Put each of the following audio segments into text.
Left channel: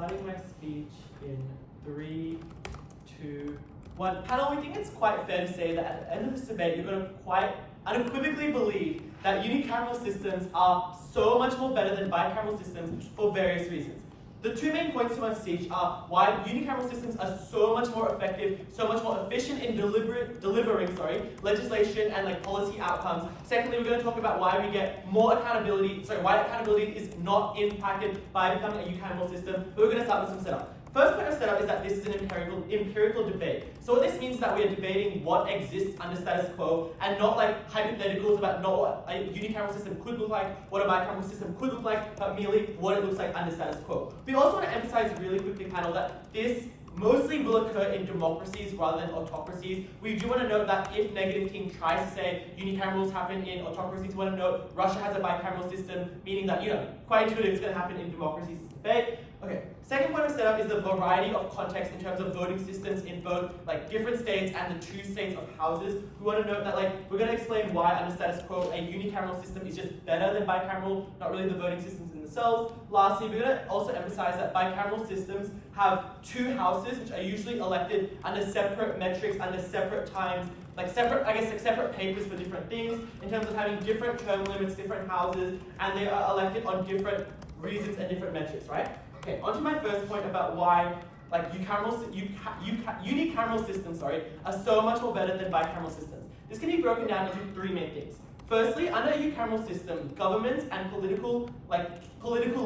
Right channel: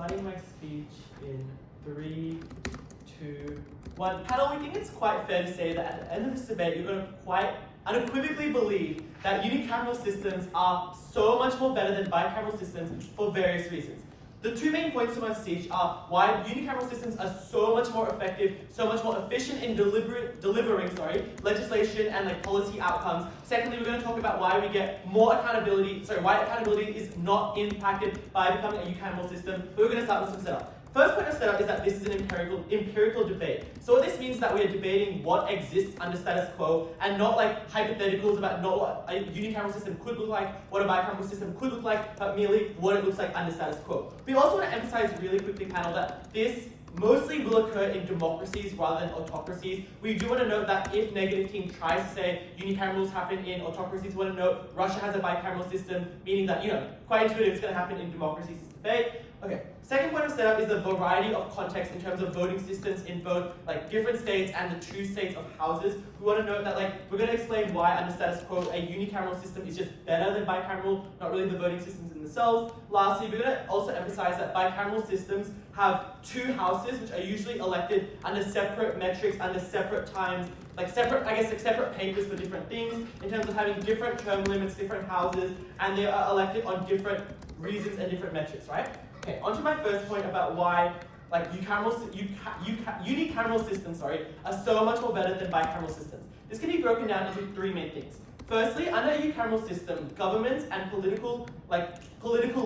starting my speech in 3, 2, 1. Panel, we think it's quite fair to say that at the end of this debate, you're going to quite unequivocally believe that unicameral systems are so much more better than bicameral systems for various reasons. The two main points to my speech are why unicameral systems are so much more effective, so much more efficient in delivering legislation and policy outcomes. Secondly, we're going to talk about why we get more accountability, why accountability is not impacted by becoming a unicameral system. But we're going to start with some setup. First point of setup is that this is an empirical debate. So what this means is that we are debating what exists under status quo and not hypotheticals about not what a unicameral system could look like, what a bicameral system could look like, but merely what it looks like under status quo. We also want to emphasize really quickly, panel, that this mostly will occur in democracies rather than autocracies. We do want to note that if negative team tries to say unicamerals happen in autocracies, we want to note Russia has a bicameral system, meaning that, quite intuitive, it's going to happen in democracies, this debate. Okay. Second point of setup is the variety of context in terms of voting systems in both different states and the two states of houses. We want to note that we're going to explain why under status quo a unicameral system is just better than bicameral, not really the voting systems in themselves. Lastly, we're going to also emphasize that bicameral systems have two houses which are usually elected under separate metrics, under separate times, separate papers for different things, in terms of having different term limits, different houses, and they are elected on different reasons and different metrics, right? Okay, on to my first point about why unicameral systems are so much more better than bicameral systems. This can be broken down into three main things. Firstly, under a unicameral system, governments and political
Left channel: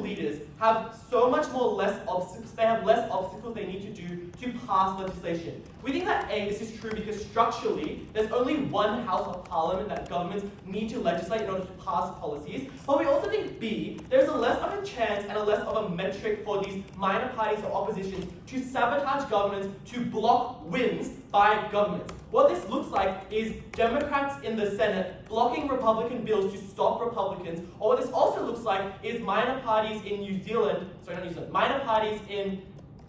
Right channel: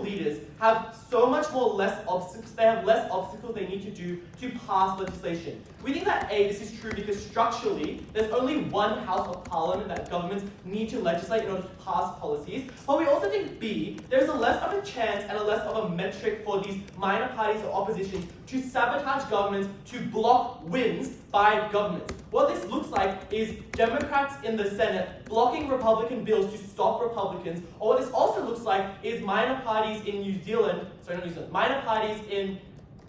leaders have so much more less obstacles. They have less obstacles they need to do to pass legislation. We think that A, this is true because structurally, there's only one house of parliament that governments need to legislate in order to pass policies. But we also think B, there's a less of a chance and a less of a metric for these minor parties or opposition to sabotage governments, to block wins by governments. What this looks like is Democrats in the Senate blocking Republican bills to stop Republicans, or what this also looks like is minor parties in minor parties in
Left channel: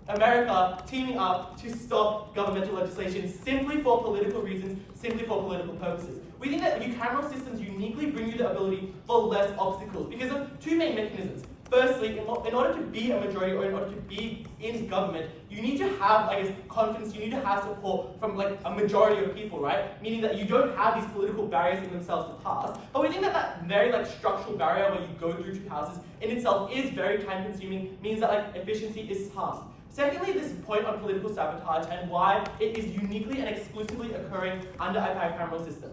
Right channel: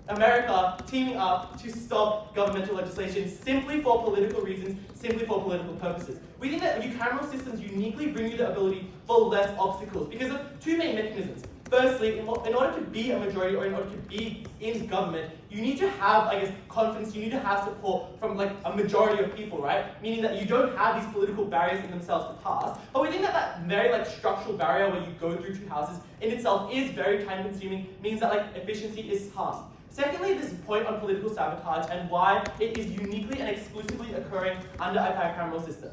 America teaming up to stop governmental legislation simply for political reasons, simply for political purposes. We think that unicameral systems uniquely bring you the ability for less obstacles because of two main mechanisms. Firstly, in order to be a majority or in order to be in government, you need to have, confidence, you need to have support from a majority of people, right? Meaning that you don't have these political barriers in themselves to pass. But we think that that very structural barrier where you go through two houses in itself is very time consuming, means that efficiency is half. Secondly, this point on political sabotage and why it is uniquely and exclusively occurring under a bicameral system.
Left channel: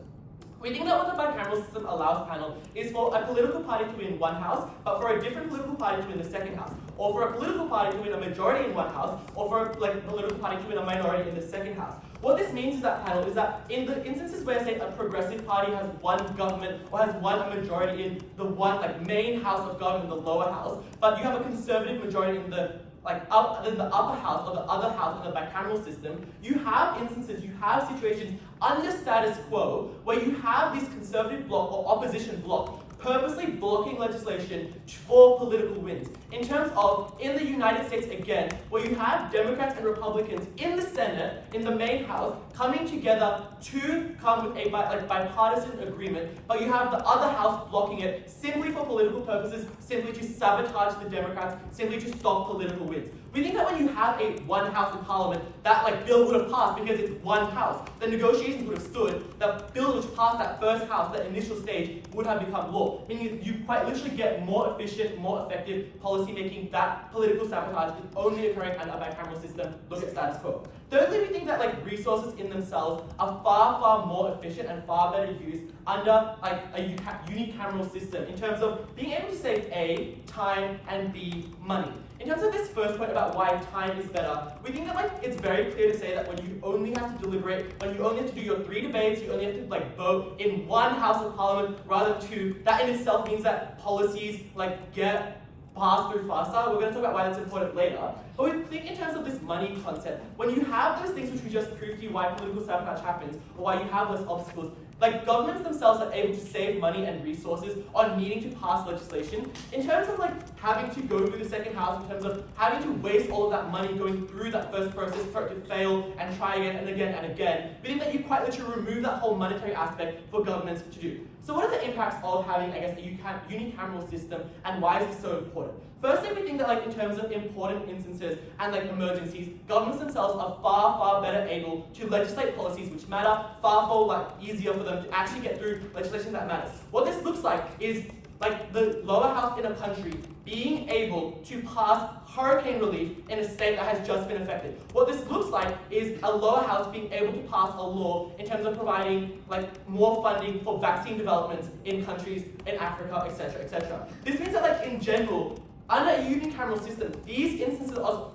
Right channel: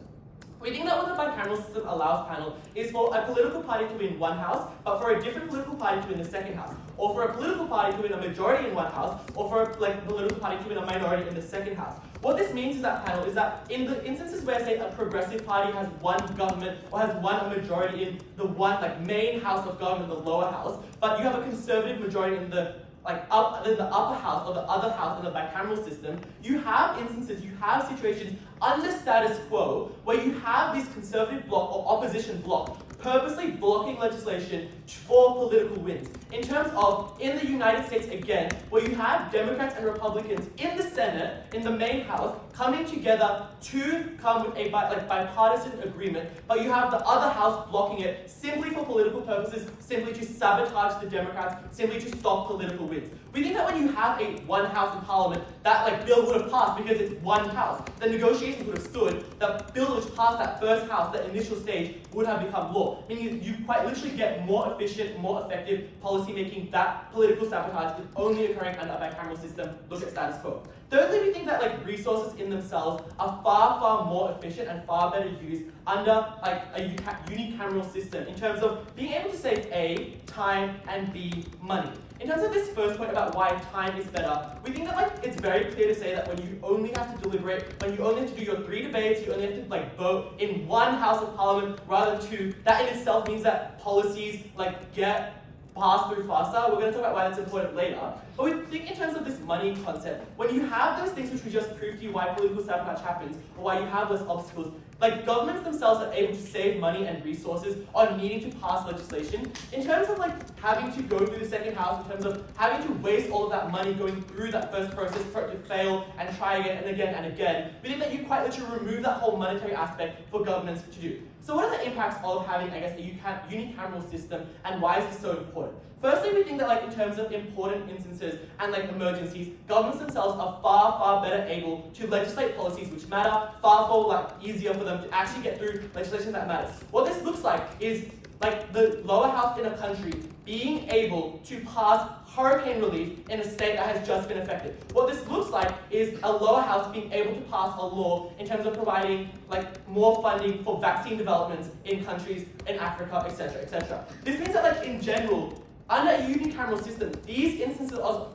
We think that what the bicameral system allows, panel, is for a political party to win one house, but for a different political party to win the second house, or for a political party to win a majority in one house, or for a political party to win a minority in the second house. What this means is that, panel, is that in the instances where, say, a progressive party has one government or has won a majority in the one main house of government, the lower house, but you have a conservative majority in the the upper house or the other house in the bicameral system, you have instances, you have situations under status quo where you have this conservative bloc or opposition bloc purposely blocking legislation for political wins. In terms of, in the United States again, where you have Democrats and Republicans in the Senate, in the main house, coming together to come with a bipartisan agreement, but you have the other house blocking it simply for political purposes, simply to sabotage the Democrats, simply to stop political wins. We think that when you have a one house in parliament, that bill would have passed because it's one house. The negotiations would have stood, the bill which passed that first house, the initial stage, would have become law. Meaning you quite literally get more efficient, more effective policy making. That political sabotage is only occurring under a bicameral system. Look at status quo. Thirdly, we think that resources in themselves are far, far more efficient and far better used under a unicameral system in terms of being able to save A, time, and B, money. In terms of this first point about why time is better, we think that it's very clear to say that when you only have to deliberate, when you only have to do your 3 debates, you only have to vote in one house of parliament rather than two, that in itself means that policies get passed through faster. We're going to talk about why that's important later. But we think in terms of this money concept, when you have those things which we just proved to you why political sabotage happens, or why you have less obstacles, governments themselves are able to save money and resources on needing to pass legislation. In terms of having to go through the second house, in terms of having to waste all of that money going through that first process for it to fail and try again and again and again, we think that you quite literally remove that whole monetary aspect for governments to do. So what are the impacts of having, I guess, a unicameral system, and why is this so important? Firstly, we think that like in terms of important instances and like emergencies, governments themselves are far, far better able to legislate policies which matter, far more like easier for them to actually get through legislation that matters. What this looks like is like the lower house in a country being able to pass hurricane relief in a state that has just been affected. What this looks like is a lower house being able to pass a law in terms of providing like more funding for vaccine developments in countries in Africa, etc., etc. This means that like in general, under a unicameral system, these instances of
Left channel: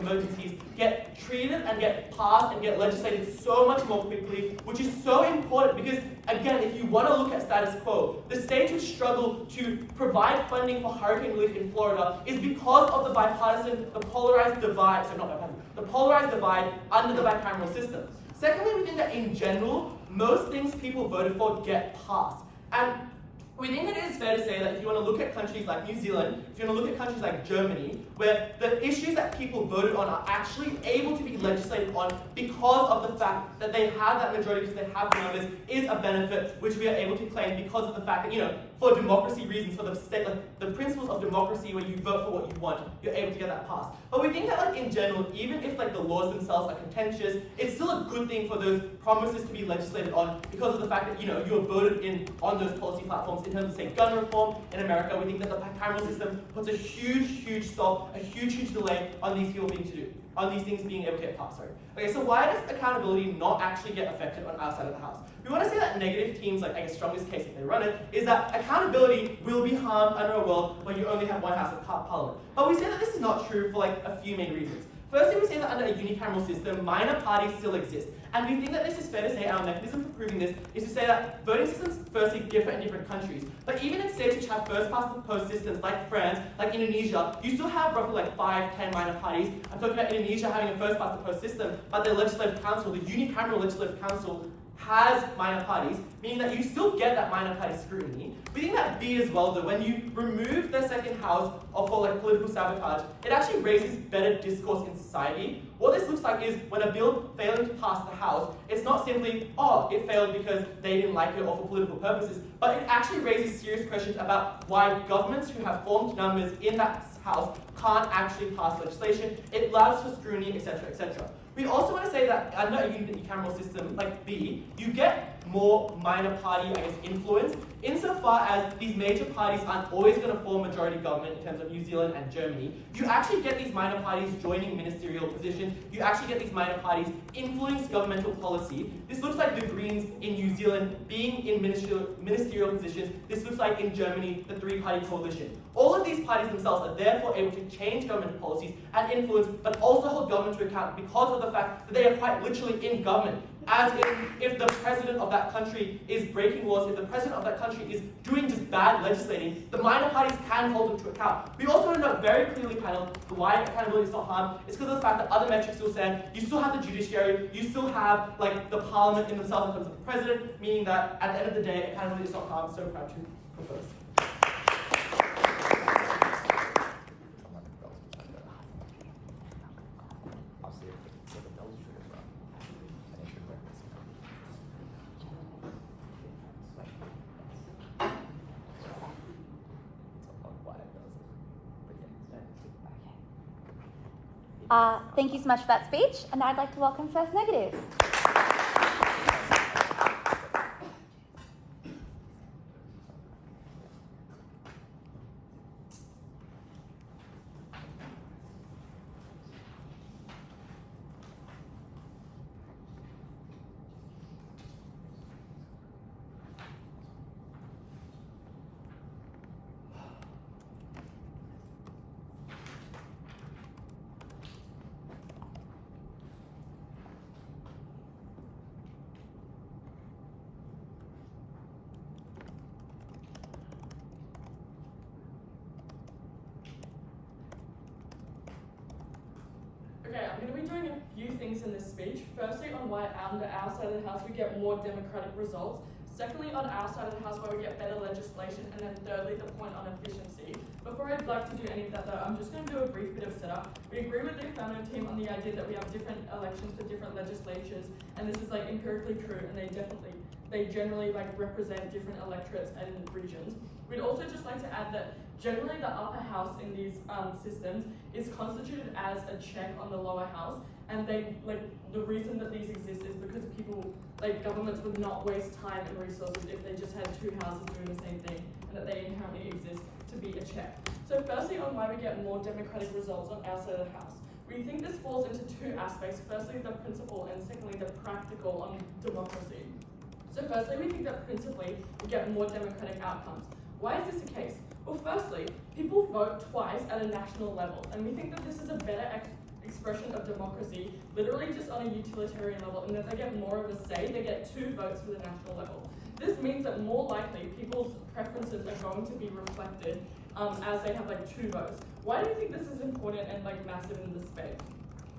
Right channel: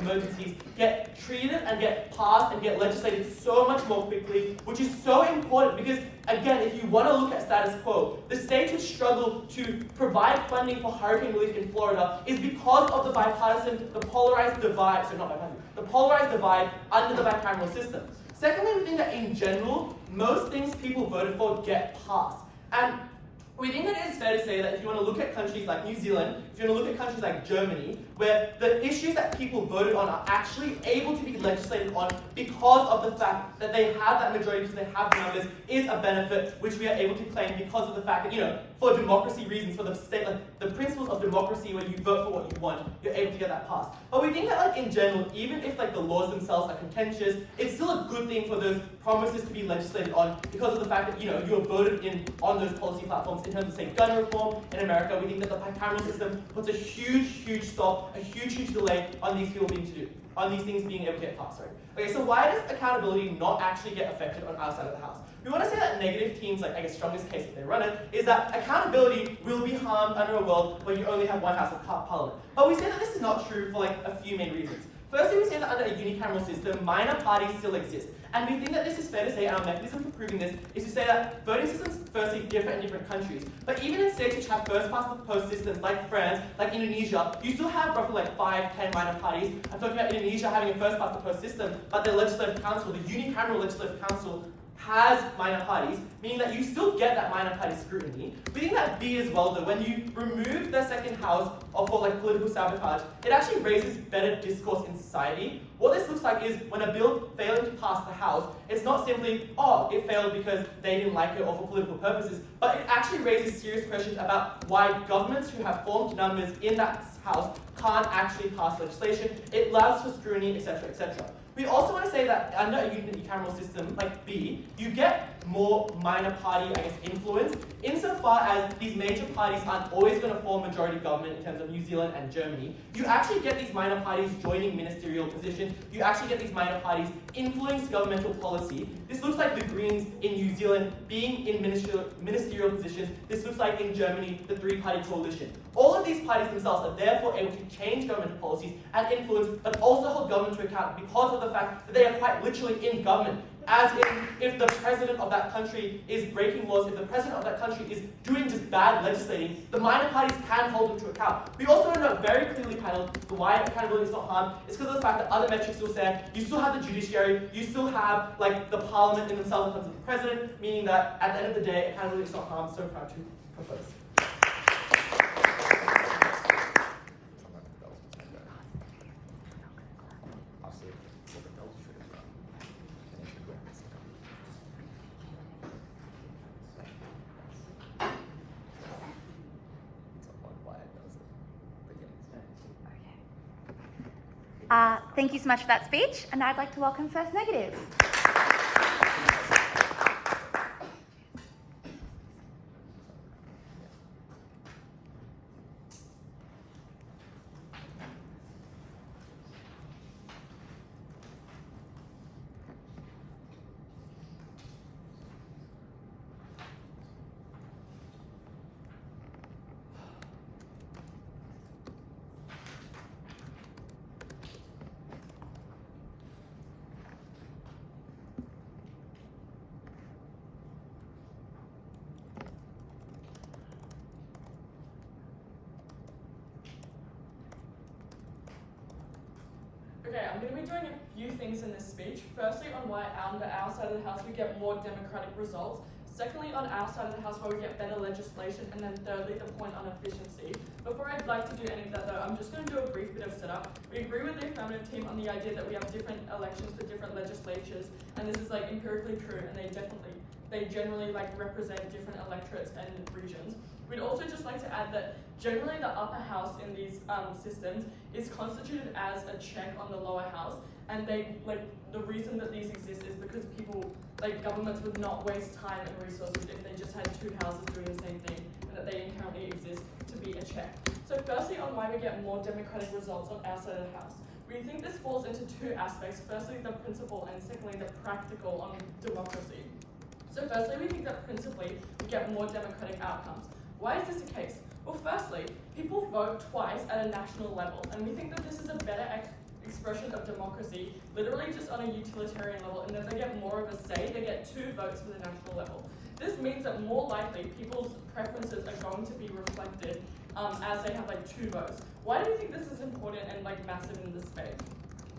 emergencies get treated and get passed and get legislated so much more quickly, which is so important because, again, if you want to look at status quo, the states which struggle to provide funding for hurricane relief in Florida is because of the polarized divide under the bicameral system. Secondly, we think that in general, most things people voted for get passed. And we think that it is fair to say that if you want to look at countries like New Zealand, if you want to look at countries like Germany, where the issues that people voted on are actually able to be legislated on because of the fact that they have that majority, because they have numbers, is a benefit which we are able to claim because of the fact that, you know, for democracy reasons, for the state, like the principles of democracy where you vote for what you want, you're able to get that passed. But we think that like in general, even if like the laws themselves are contentious, it's still a good thing for those promises to be legislated on because of the fact that, you know, you're voted in on those policy platforms. In terms of, say, gun reform in America, we think that the bicameral system puts a huge stop, a huge delay on these people on these things being able to get passed. Okay, so why does accountability not actually get affected on our side of the house? We want to say that negative teams, like I guess strongest case if they run it, is that accountability will be harmed under a world where you only have one house of parliament. But we say that this is not true for like a few main reasons. Firstly, we say that under a unicameral system, minor parties still exist. And we think that this is fair to say our mechanism for proving this is to say that voting systems firstly differ in different countries. But even in states which have first past the post systems like France, like Indonesia, you still have roughly like 5-10 minor parties. I'm talking about Indonesia having a first past the post system, but their legislative council, the unicameral legislative council, has minor parties, meaning that you still get that minor party scrutiny. We think that B as well, though, when you remove the second house for like political sabotage, it actually raises better discourse in society. What this looks like is when a bill failing to pass the house, it's not simply, oh, it failed because they didn't like it or for political purposes, but it actually raises serious questions about why governments who have formed numbers in that house can't actually pass legislation. It allows for scrutiny, etc., etc. We also want to say that under a unicameral system like B, you get more minor party, I guess, influence, insofar as these major parties aren't always going to form majority government in terms of New Zealand and Germany. You actually get these minor parties joining ministerial positions. You actually get these minor parties influence governmental policy. This looks like the Greens in New Zealand being in ministerial positions. This looks like in Germany, the three-party coalition. All of these parties themselves are therefore able to change governmental policies and influence, but also hold government to account because of the fact that they are quite literally in government. As if the president of that country is breaking laws, if the president of that country is doing just bad legislating, the minor parties can hold them to account. We also want to know very clearly, panel, why accountability is not harmed. It's because of the fact that other metrics still stand. You still have the judiciary, you still have like the parliament in themselves in terms of the president, meaning that at the end of the day, accountability is not harmed. So proud to propose. Thank you so much for that speech, and I'd like to welcome First Negative. Okay, I'm going to be doing a few things in this speech. Firstly, on why under our side of the house we get more democratic results. Secondly, on our side of the house why we get better legislation. And then thirdly, the point on efficiency. Before I'd like to do any of that though, I'm just going to do a brief bit of setup. We agree with the Affirmative team on the idea that we have different elections for different legislatures. And this is like empirically true, and they definitely they generally like represent different electorates and regions. We'd also just like to add that generally the upper house in these systems is constituted as a check on the lower house, and they the reason that these exist is because governments would not waste time and resources if they just had two houses doing the same thing, and that they inherently exist to be a check. So firstly, on why we get more democratic results on our side of the house. We think this falls into two aspects. Firstly, the principle, and secondly, the practical on democracy. So firstly, we think that principally we get more democratic outcomes. Why is this the case? Well, firstly, people vote twice at a national level, and we think that this is a better expression of democracy, literally just on a utilitarian level, and that they get more of a say, they get 2 votes for the national level. This means that more likely people's preferences are going to be reflected as they have 2 votes. Why do we think this is important and massive in this space?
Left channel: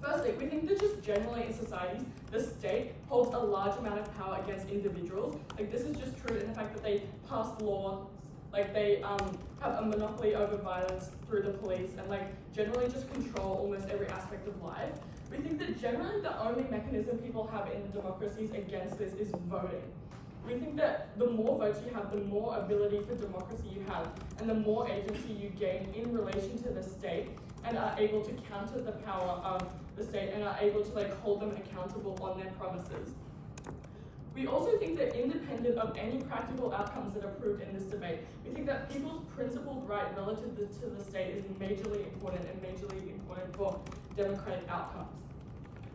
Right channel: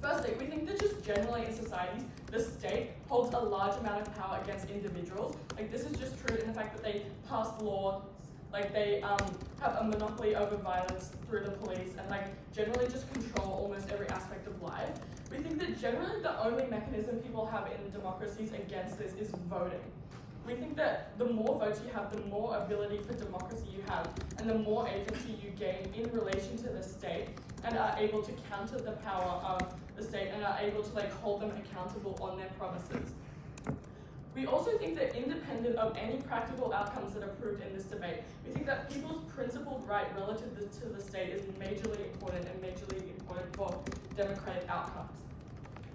Firstly, we think that just generally in societies, the state holds a large amount of power against individuals. This is just true in the fact that they pass laws, they have a monopoly over violence through the police, and generally just control almost every aspect of life. We think that generally the only mechanism people have in democracies against this is voting. We think that the more votes you have, the more ability for democracy you have, and the more agency you gain in relation to the state, and are able to counter the power of the state, and are able to hold them accountable on their promises. We also think that independent of any practical outcomes that are proved in this debate, we think that people's principled right relative to the state is majorly important for democratic outcomes.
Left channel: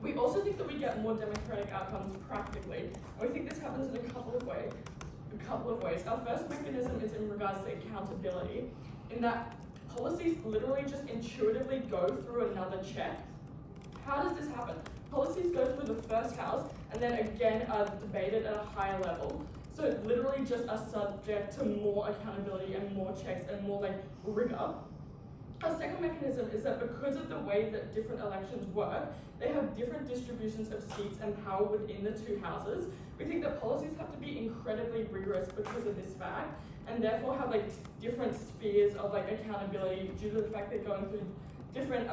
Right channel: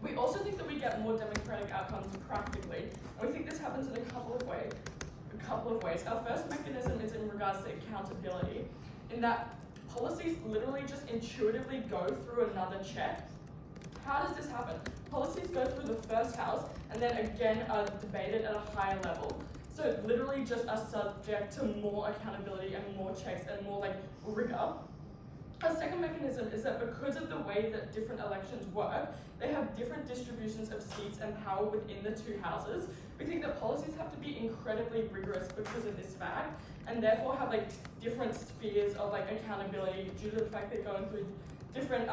We also think that we get more democratic outcomes practically, and we think this happens in a couple of ways. Our first mechanism is in regards to accountability, in that policies literally just intuitively go through another check. How does this happen? Policies go through the first house and then again are debated at a higher level. So literally just are subject to more accountability and more checks and more rigor. Our second mechanism is that because of the way that different elections work, they have different distributions of seats and power within the 2 houses. We think that policies have to be incredibly rigorous because of this fact, and therefore have different spheres of accountability due to the fact they're going through different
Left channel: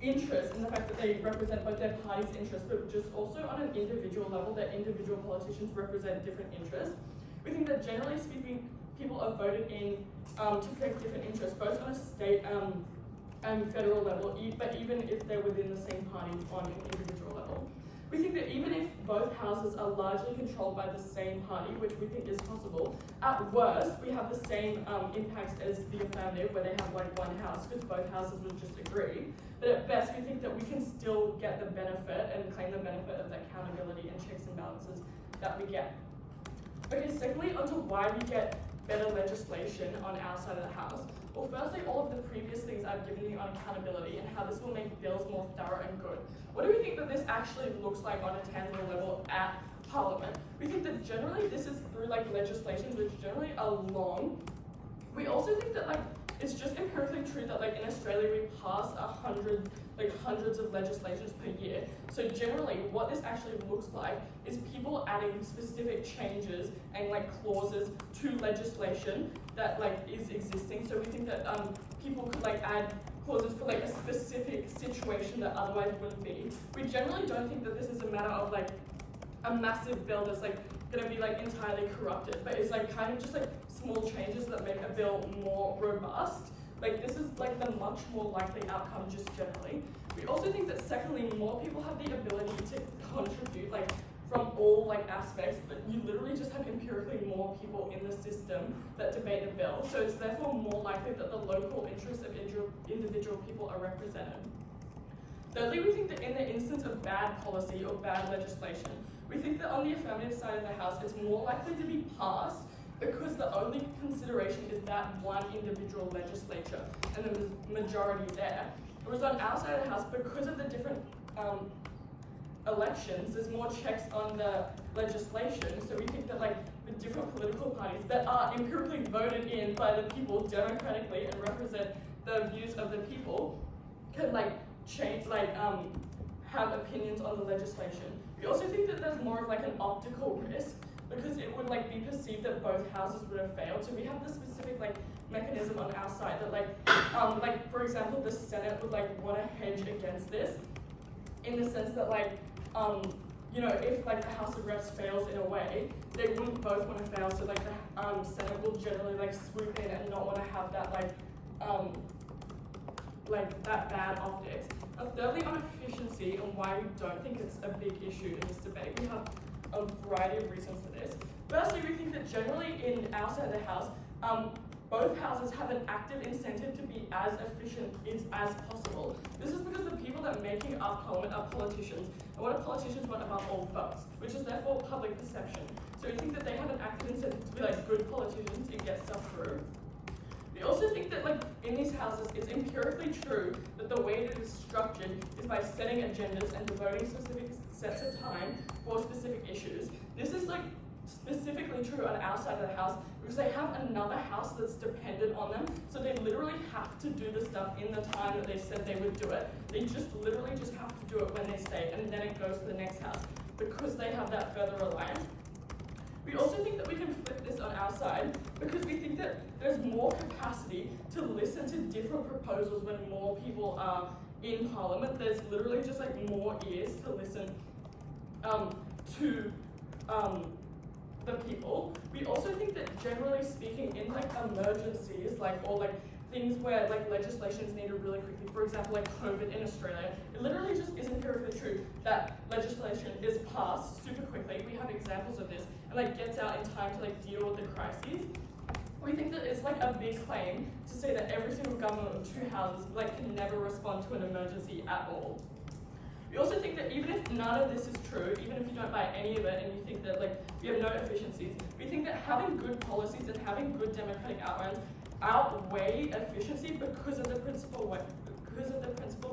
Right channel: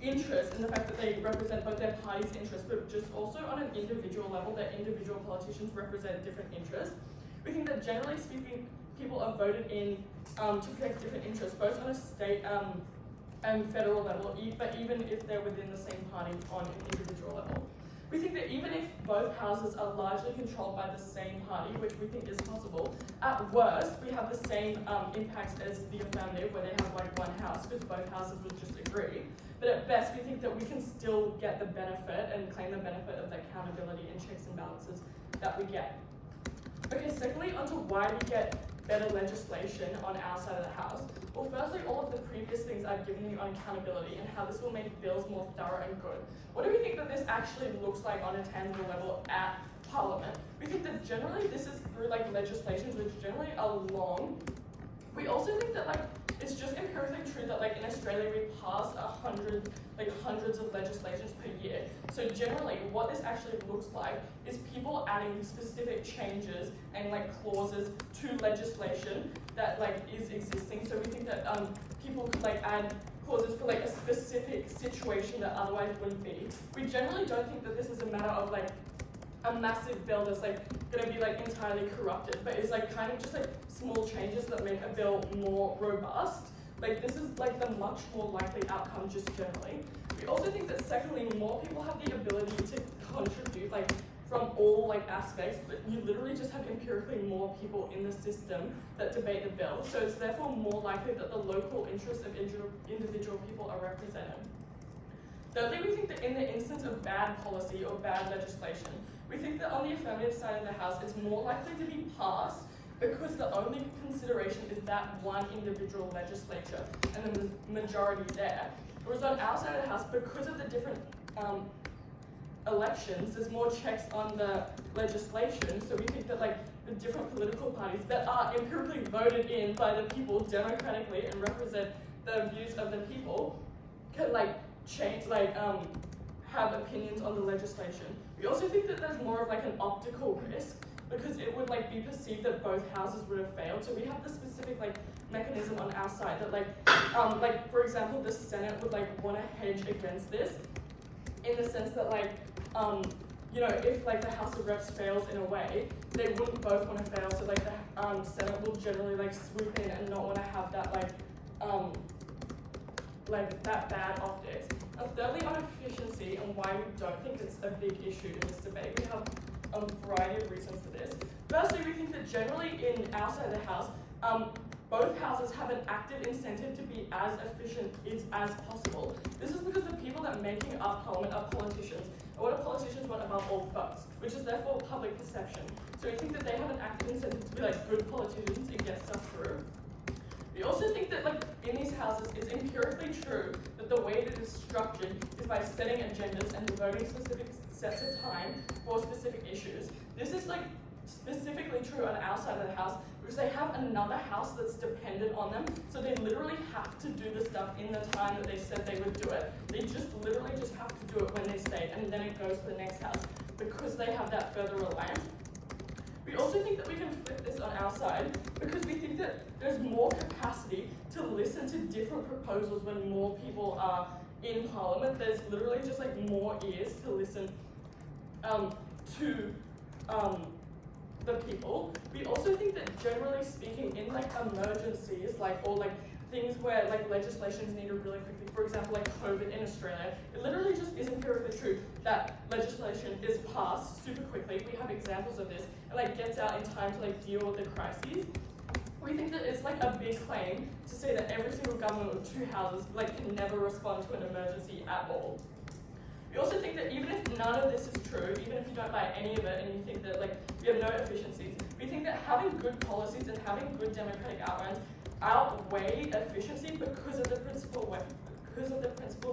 interests, and the fact that they represent both their party's interests, but just also on an individual level, that individual politicians represent different interests. We think that generally speaking, people are voted in to protect different interests, both on a state and federal level, but even if they're within the same party on an individual level. We think that even if both houses are largely controlled by the same party, which we think is possible, at worst, we have the same impacts as the affirmative, where they have one house, because both houses would just agree. But at best, we think that we can still get the benefit and claim the benefit of the accountability and checks and balances that we get. Okay, secondly, onto why we get better legislation on our side of the house. Well, firstly, all of the previous things I've given you on accountability and how this will make bills more thorough and good. What do we think that this actually looks like on a tangible level at Parliament? We think that generally this is through legislations, which generally are long. We also think that it's just empirically true that in Australia we pass hundreds of legislations per year. So generally what this actually looks like is people adding specific changes and clauses to legislation that is existing. So we think that people could add clauses for a specific situation that otherwise wouldn't be. We generally don't think that this is a matter of a massive bill that's going to be entirely corrupted, but it's kind of just small changes that make a bill more robust. This is the much more likely outcome just generally. We also think that secondly, more people have the ability to contribute from all aspects, but you literally just have empirically more people in the system that debate the bill. So it's therefore more likely that the local interests of individual people are represented. Thirdly, we think that in the instance of bad policy or bad legislation, we think that on the affirmative side of the House, it's more likely to be passed because the only consideration is that one individual legislature and the majority there. Whereas on our side of the House, because of the different elections, there's more checks on the legislation. So we think that the different political parties that are empirically voted in by the people democratically and represent the views of the people can change, have opinions on the legislation. We also think that there's more of an optical risk, because it would be perceived that both houses would have failed. So we have the specific mechanism on our side that for example, the Senate would want to hedge against this, in the sense that if like the House of Reps fails in a way, they wouldn't both want to fail. So like the Senate will generally like swoop in and not want to have that that bad optics. And thirdly, on efficiency and why we don't think it's a big issue in this debate, we have a variety of reasons for this. Firstly, we think that generally in our side of the House, both houses have an active incentive to be as efficient as possible. This is because the people that are making up Parliament are politicians, and what do politicians want above all votes, which is therefore public perception. So we think that they have an active incentive to be like good politicians and get stuff through. We also think that like in these houses, it's empirically true that the way that it's structured is by setting agendas and devoting specific sets of time for specific issues. This is like specifically true on our side of the House because they have another house that's dependent on them, so they literally have to do the stuff in the time that they said they would do it. They literally just have to do it when they say, and then it goes to the next house because they have that further reliance. We also think that we can flip this on our side because we think that there's more capacity to listen to different proposals when more people are in Parliament. There's literally just like more ears to listen to the people. We also think that generally speaking in like emergencies or things where like legislation is needed really quickly, for example like COVID in Australia, it literally just is empirically true that legislation is passed super quickly. We have examples of this and like gets out in time to like deal with the crises. We think that it's like a big claim to say that every single government with two houses like can never respond to an emergency at all. We also think that even if none of this is true, even if you don't buy any of it and you think that like we have no efficiencies, we think that having good policies and having good democratic outlines outweigh efficiency because of the principle of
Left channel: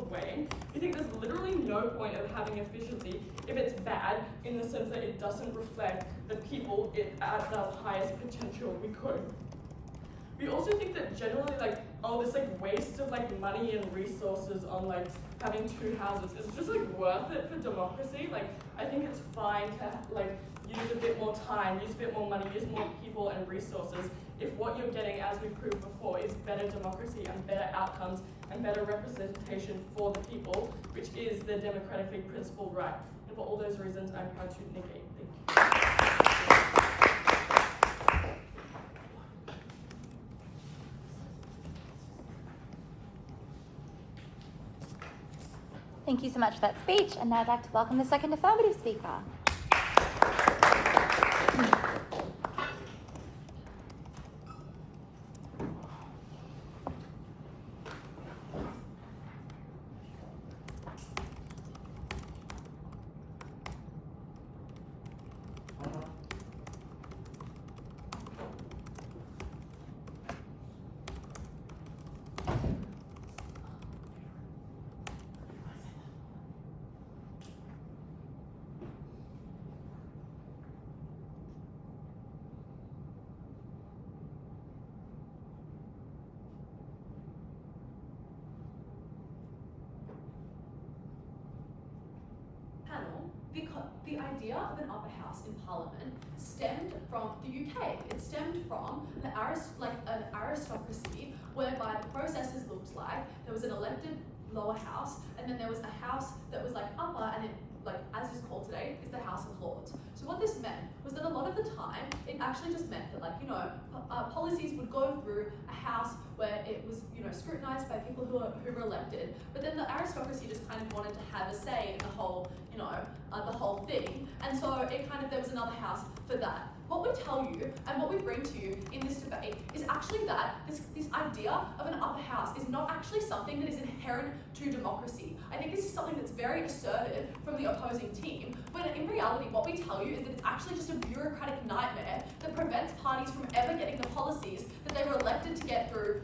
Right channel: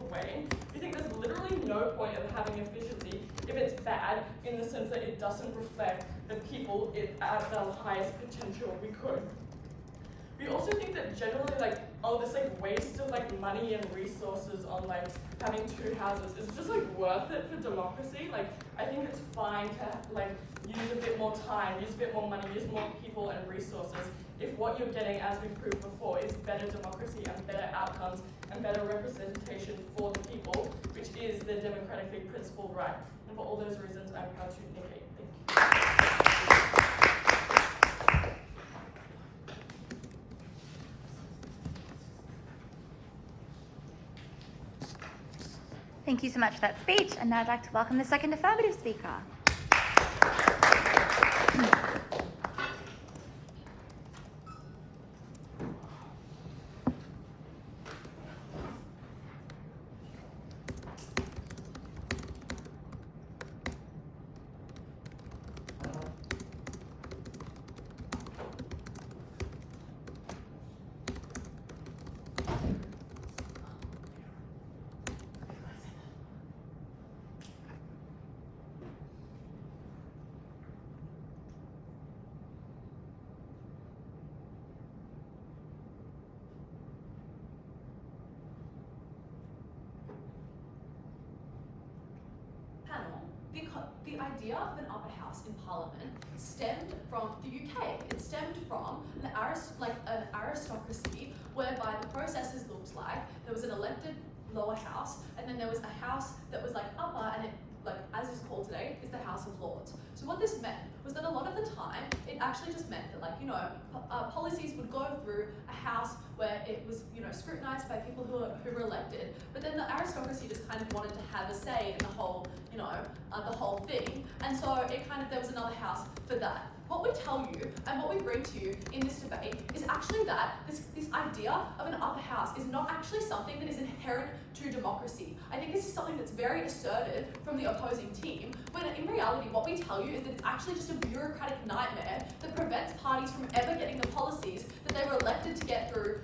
weighing. We think there's literally no point of having efficiency if it's bad in the sense that it doesn't reflect the people at the highest potential we could. We also think that generally this waste of money and resources on having two houses is just worth it for democracy. I think it's fine to use a bit more time, use a bit more money, use more people and resources if what you're getting, as we proved before, is better democracy and better outcomes and better representation for the people, which is their democratically principled right. And for all those reasons, I'm proud to negate. Thank you. Thank you so much for that speech, and now I'd like to welcome the second affirmative speaker. The idea of an upper house in Parliament stemmed from the UK. It stemmed from an aristocracy whereby the processes looked like there was an elected lower house and then there was a house that was upper, and it, as is called today, is the House of Lords. So what this meant was that a lot of the time it actually just meant that policies would go through a house where it was scrutinized by people who were elected, but then the aristocracy just kind of wanted to have a say in the whole the whole thing, and so there was another house for that. What we tell you and what we bring to you in this debate is actually that this idea of an upper house is not actually something that is inherent to democracy. I think this is something that's very asserted from the opposing team, when in reality what we tell you is that it's actually just a bureaucratic nightmare that prevents parties from ever getting the policies that they were elected to get through.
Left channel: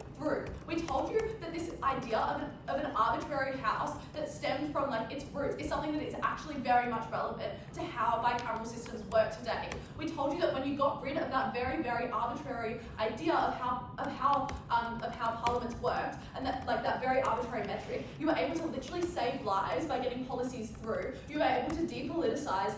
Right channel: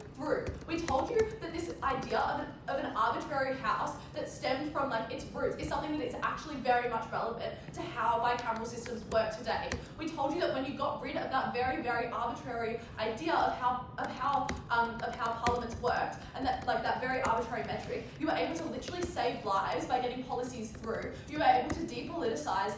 We told you that this idea of an arbitrary house that stemmed from its roots is something that is actually very much relevant to how bicameral systems work today. We told you that when you got rid of that very, very arbitrary idea of how parliaments worked, and that very arbitrary metric, you were able to literally save lives by getting policies through. You were able to depoliticize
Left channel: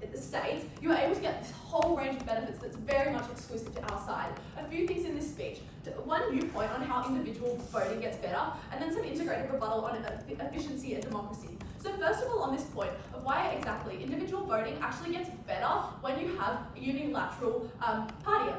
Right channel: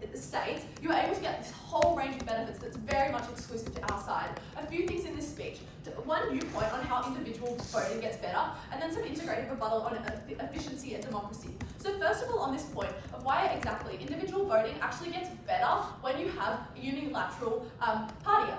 the states. You were able to get this whole range of benefits that's very much exclusive to our side. A few things in this speech. One viewpoint on how individual voting gets better, and then some integrated rebuttal on efficiency and democracy. So first of all, on this point of why exactly individual voting actually gets better when you have a unilateral party.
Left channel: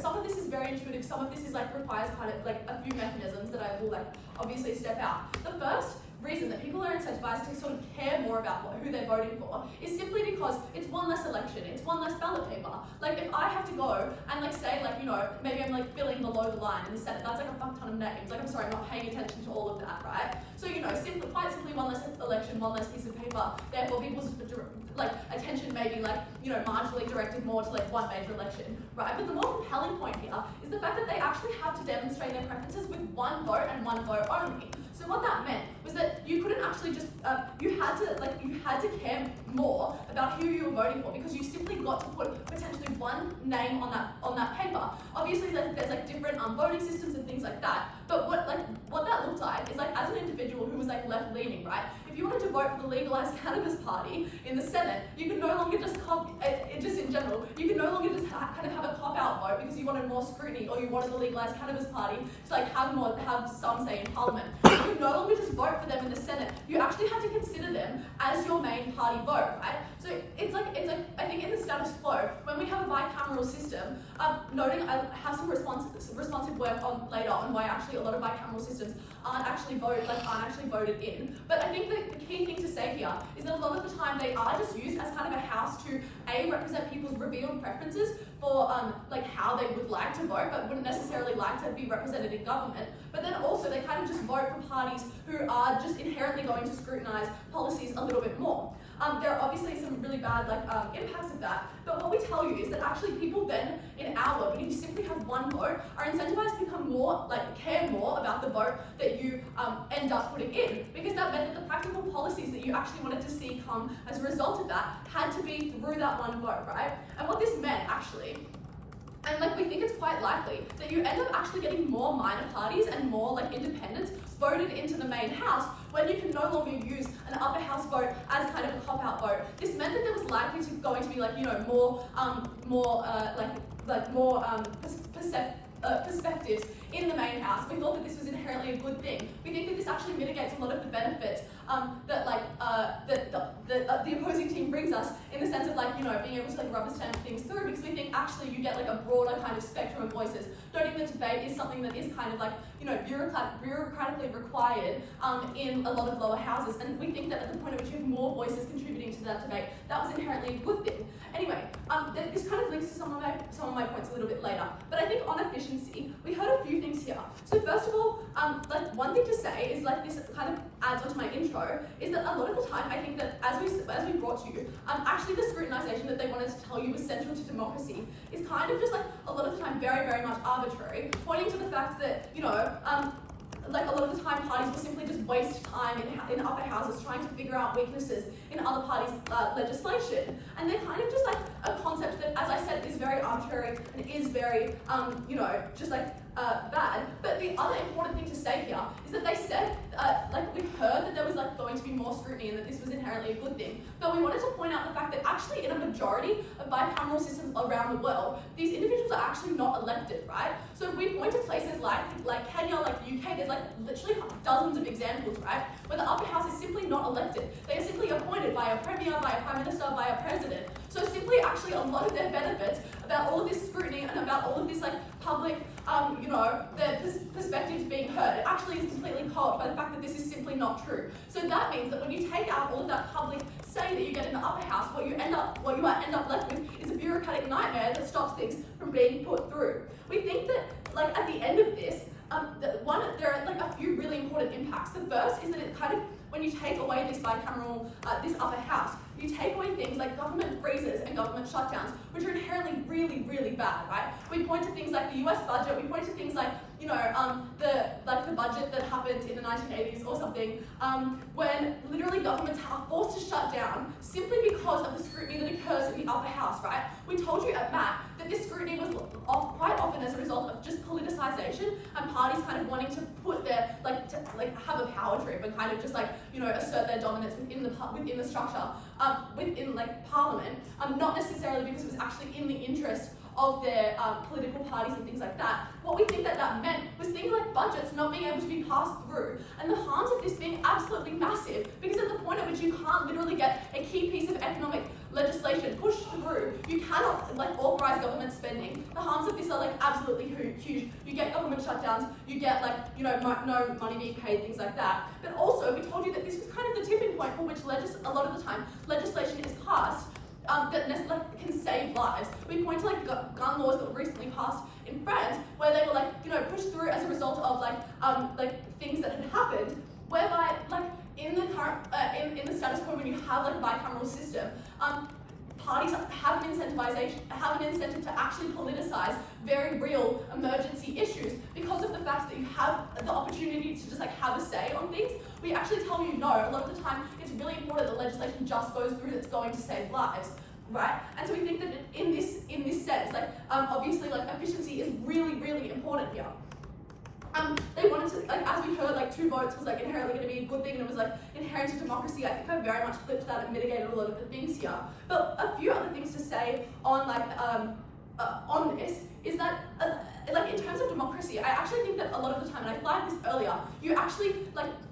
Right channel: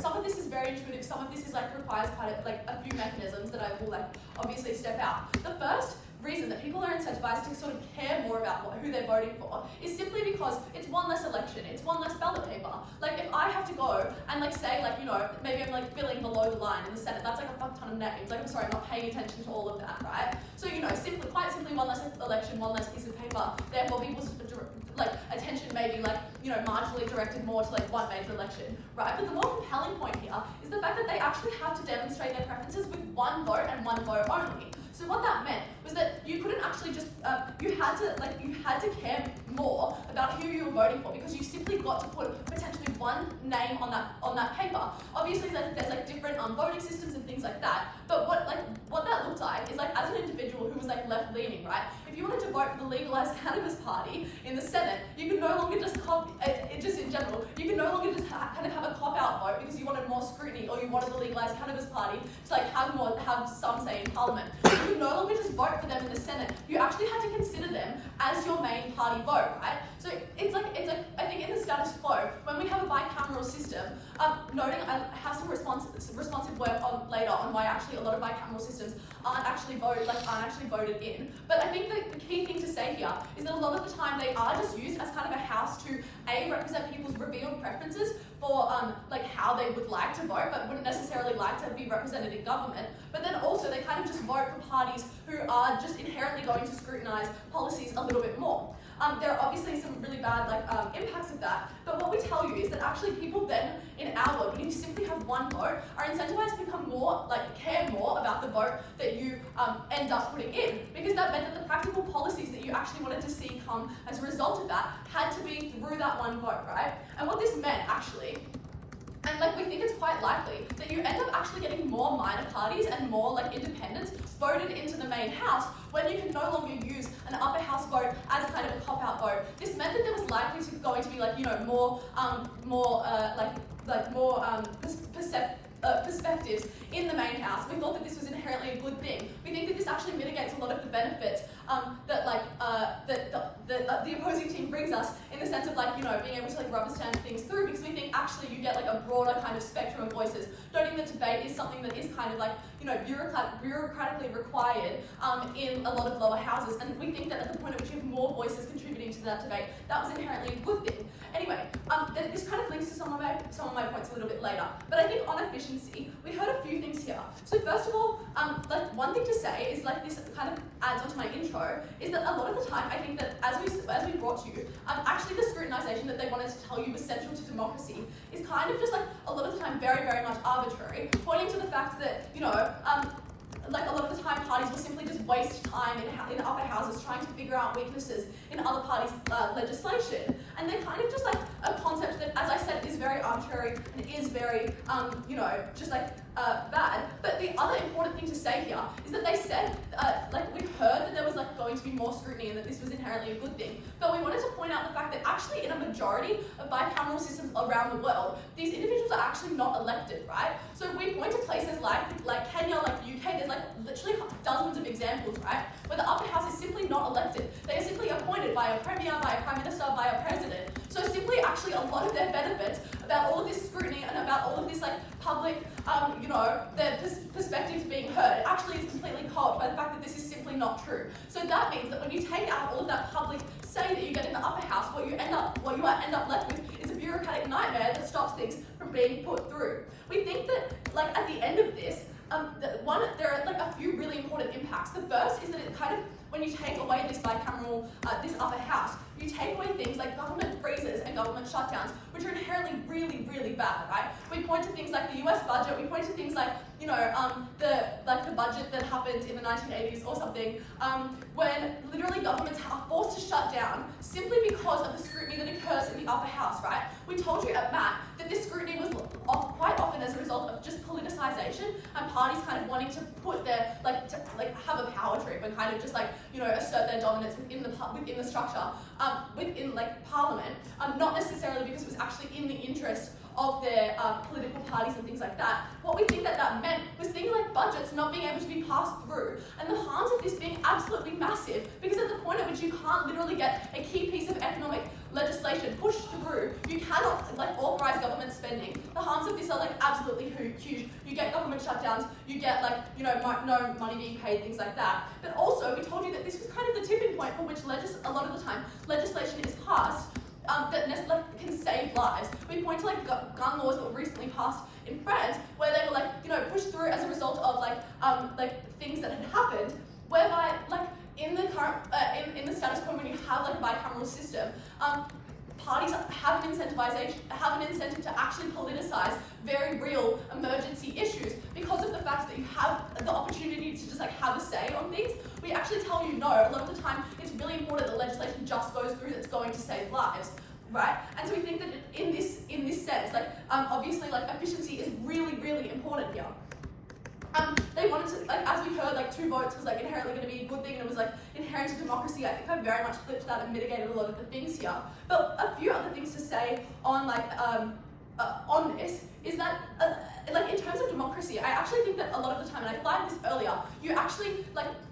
Some of this is very intuitive, some of this is requires a few mechanisms that I will obviously step out. The first reason that people are incentivized to sort of care more about who they're voting for is simply because it's one less election, it's one less ballot paper. If I have to go and say maybe I'm filling below the line in the Senate, that's a fuck ton of names. I'm sorry, I'm not paying attention to all of that, right? So quite simply one less election, one less piece of paper, therefore people's attention may be marginally directed more to one major election, right? But the more compelling point here is the fact that they actually have to demonstrate their preferences with one vote and one vote only. So what that meant was that you couldn't actually just you had to care more about who you were voting for, because you simply got to put potentially one name on that paper. Obviously, there's different voting systems and things like that. But what that looked like is as an individual who was left leaning, right? If you wanted to vote for the legalized cannabis party in the Senate, you could no longer just just in general, you could no longer just kind of have a cop-out vote because you wanted more scrutiny, or you wanted the legalized cannabis party to have some say in Parliament. You could no longer just vote for them in the Senate. You actually had to consider them as your main party vote, right? So it's I think in the status quo, when we have a bicameral system, noting I have some responsive work on later on why actually a lot of bicameral systems aren't actually voted in. But I think the key thing to say here is that a lot of the time they are just used as kind of a house to represent people's revealed preferences for how they would like to vote, but wouldn't necessarily like to be represented in government. But then also they kind of just vote for parties who are just inherently going to scrutinise policies a little bit more. There are obviously some really bad impacts of that, but what we tell you is that actually people then, in our world, when you simply have one vote, are incentivized to become more, care more about the vote that you end up putting in, because that meant that the practical policies that you actually wanted to see come as a result of that had to be through that one vote, right? And what this meant actually, and we think it's quite likely that you end up actually getting more minor parties and more independents voted into the main house when you can no longer use an upper house vote as kind of a cop-out vote. This meant that there was likely going to be perspectives in the main house. We thought that this was inherently a good thing. We think that this actually mitigates a lot of the benefits that the opposing team brings us, in the sense of being able to rubber stamp things through, because we think actually you get a broader kind of spectrum of voices. Noting that debate is something that is kind of bureaucratically required in a lot of lower houses, and we think that at the point at which you have more voices contributing to that debate, that was inherently a good thing. Anyway, this kind of links to some of my points a little bit later. But I think on efficiency, we heard a few things here. So first of all, one thing to say is this kind of adds onto my intro, is that a lot of the time I think that as we brought to you, actually the scrutinization that they wanted to tell you was central to democracy is kind of just a lot of the time very, very much arbitrary, pointing to the fact that a lot of the time parties will simply just waste time in upper houses trying to figure out weaknesses in other parties' legislation. And they're kind of just a concept that, as I said, is very arbitrary and is very, bad. But the other important thing to say here is that they said, we heard that there was going to be more scrutiny and that this was inherently a good thing. But we wanted to point out the fact that actually in a majority of bicameral systems around the world, these individuals are actually not elected, right? So we point to places like Kenya, the UK, there's literally dozens of examples, right? Where the upper house is simply not elected. They are simply appointed by a premier, by a prime minister, by a president. So simply actually a lot of their benefits about all of this scrutiny and about all of this public, their perspectives being heard, actually is completely co-opted by the fact that this is simply not true. So that means that when you take out all of that public say that you get in the upper house, what you end up left with is a bureaucratic nightmare that stops things from being put through. We think that at the end of this, there are a few really important impacts. The first is that it kind of, when you take away this bicameral, this upper house, you take away things like government freezes and government shutdowns, which are inherently really, really bad, right? We point to things like the US budget, we point to things like, the budget that happened in the 1980s or something, when literally governments are forced to shut down simply because of the scrutiny that occurs in the upper house, right? We told you at MAT that this scrutiny was quite often as a result of just politicization and parties kind of wanting to put their, have a power trip and kind of just assert their dominance within the structure, within Parliament, not necessarily because it was actually in the interest of their political parties and things like that. What we think that meant was things like budgets not being able to be passed through, and the harms of this being absolutely massive, because at the point at which you can't literally get a key piece of economic legislation pushed through, you cannot authorize government spending. The harms of this are absolutely huge. You get government shutdowns, you get no money being paid, things like that. But also, we told you that this was kind of the tipping point for which a lot of the time legislation is passed that can save lives. We point to gun laws that were recently passed in France, where they were pushed through as a result of things that had happened, whereby in the current in the status quo, when you have a bicameral system, parties have an incentive to actually politicize very real emergency issues because of the fact that you have the opportunity to just have a say on things. We actually tell you no. A lot of the time, it's really important that legislation just goes through that's going to save lives, right? And so we think that in this sense, obviously, efficiency is really, really important here. They wanted to, as we heard, 2 votes was inherently going to be a good thing, and it was inherent to democracy. I think I very much flipped that and mitigated a lot of the things here. But a few other things to say on this is that in terms of democracy, I actually think that a lot of the time, and I flagged this earlier, you actually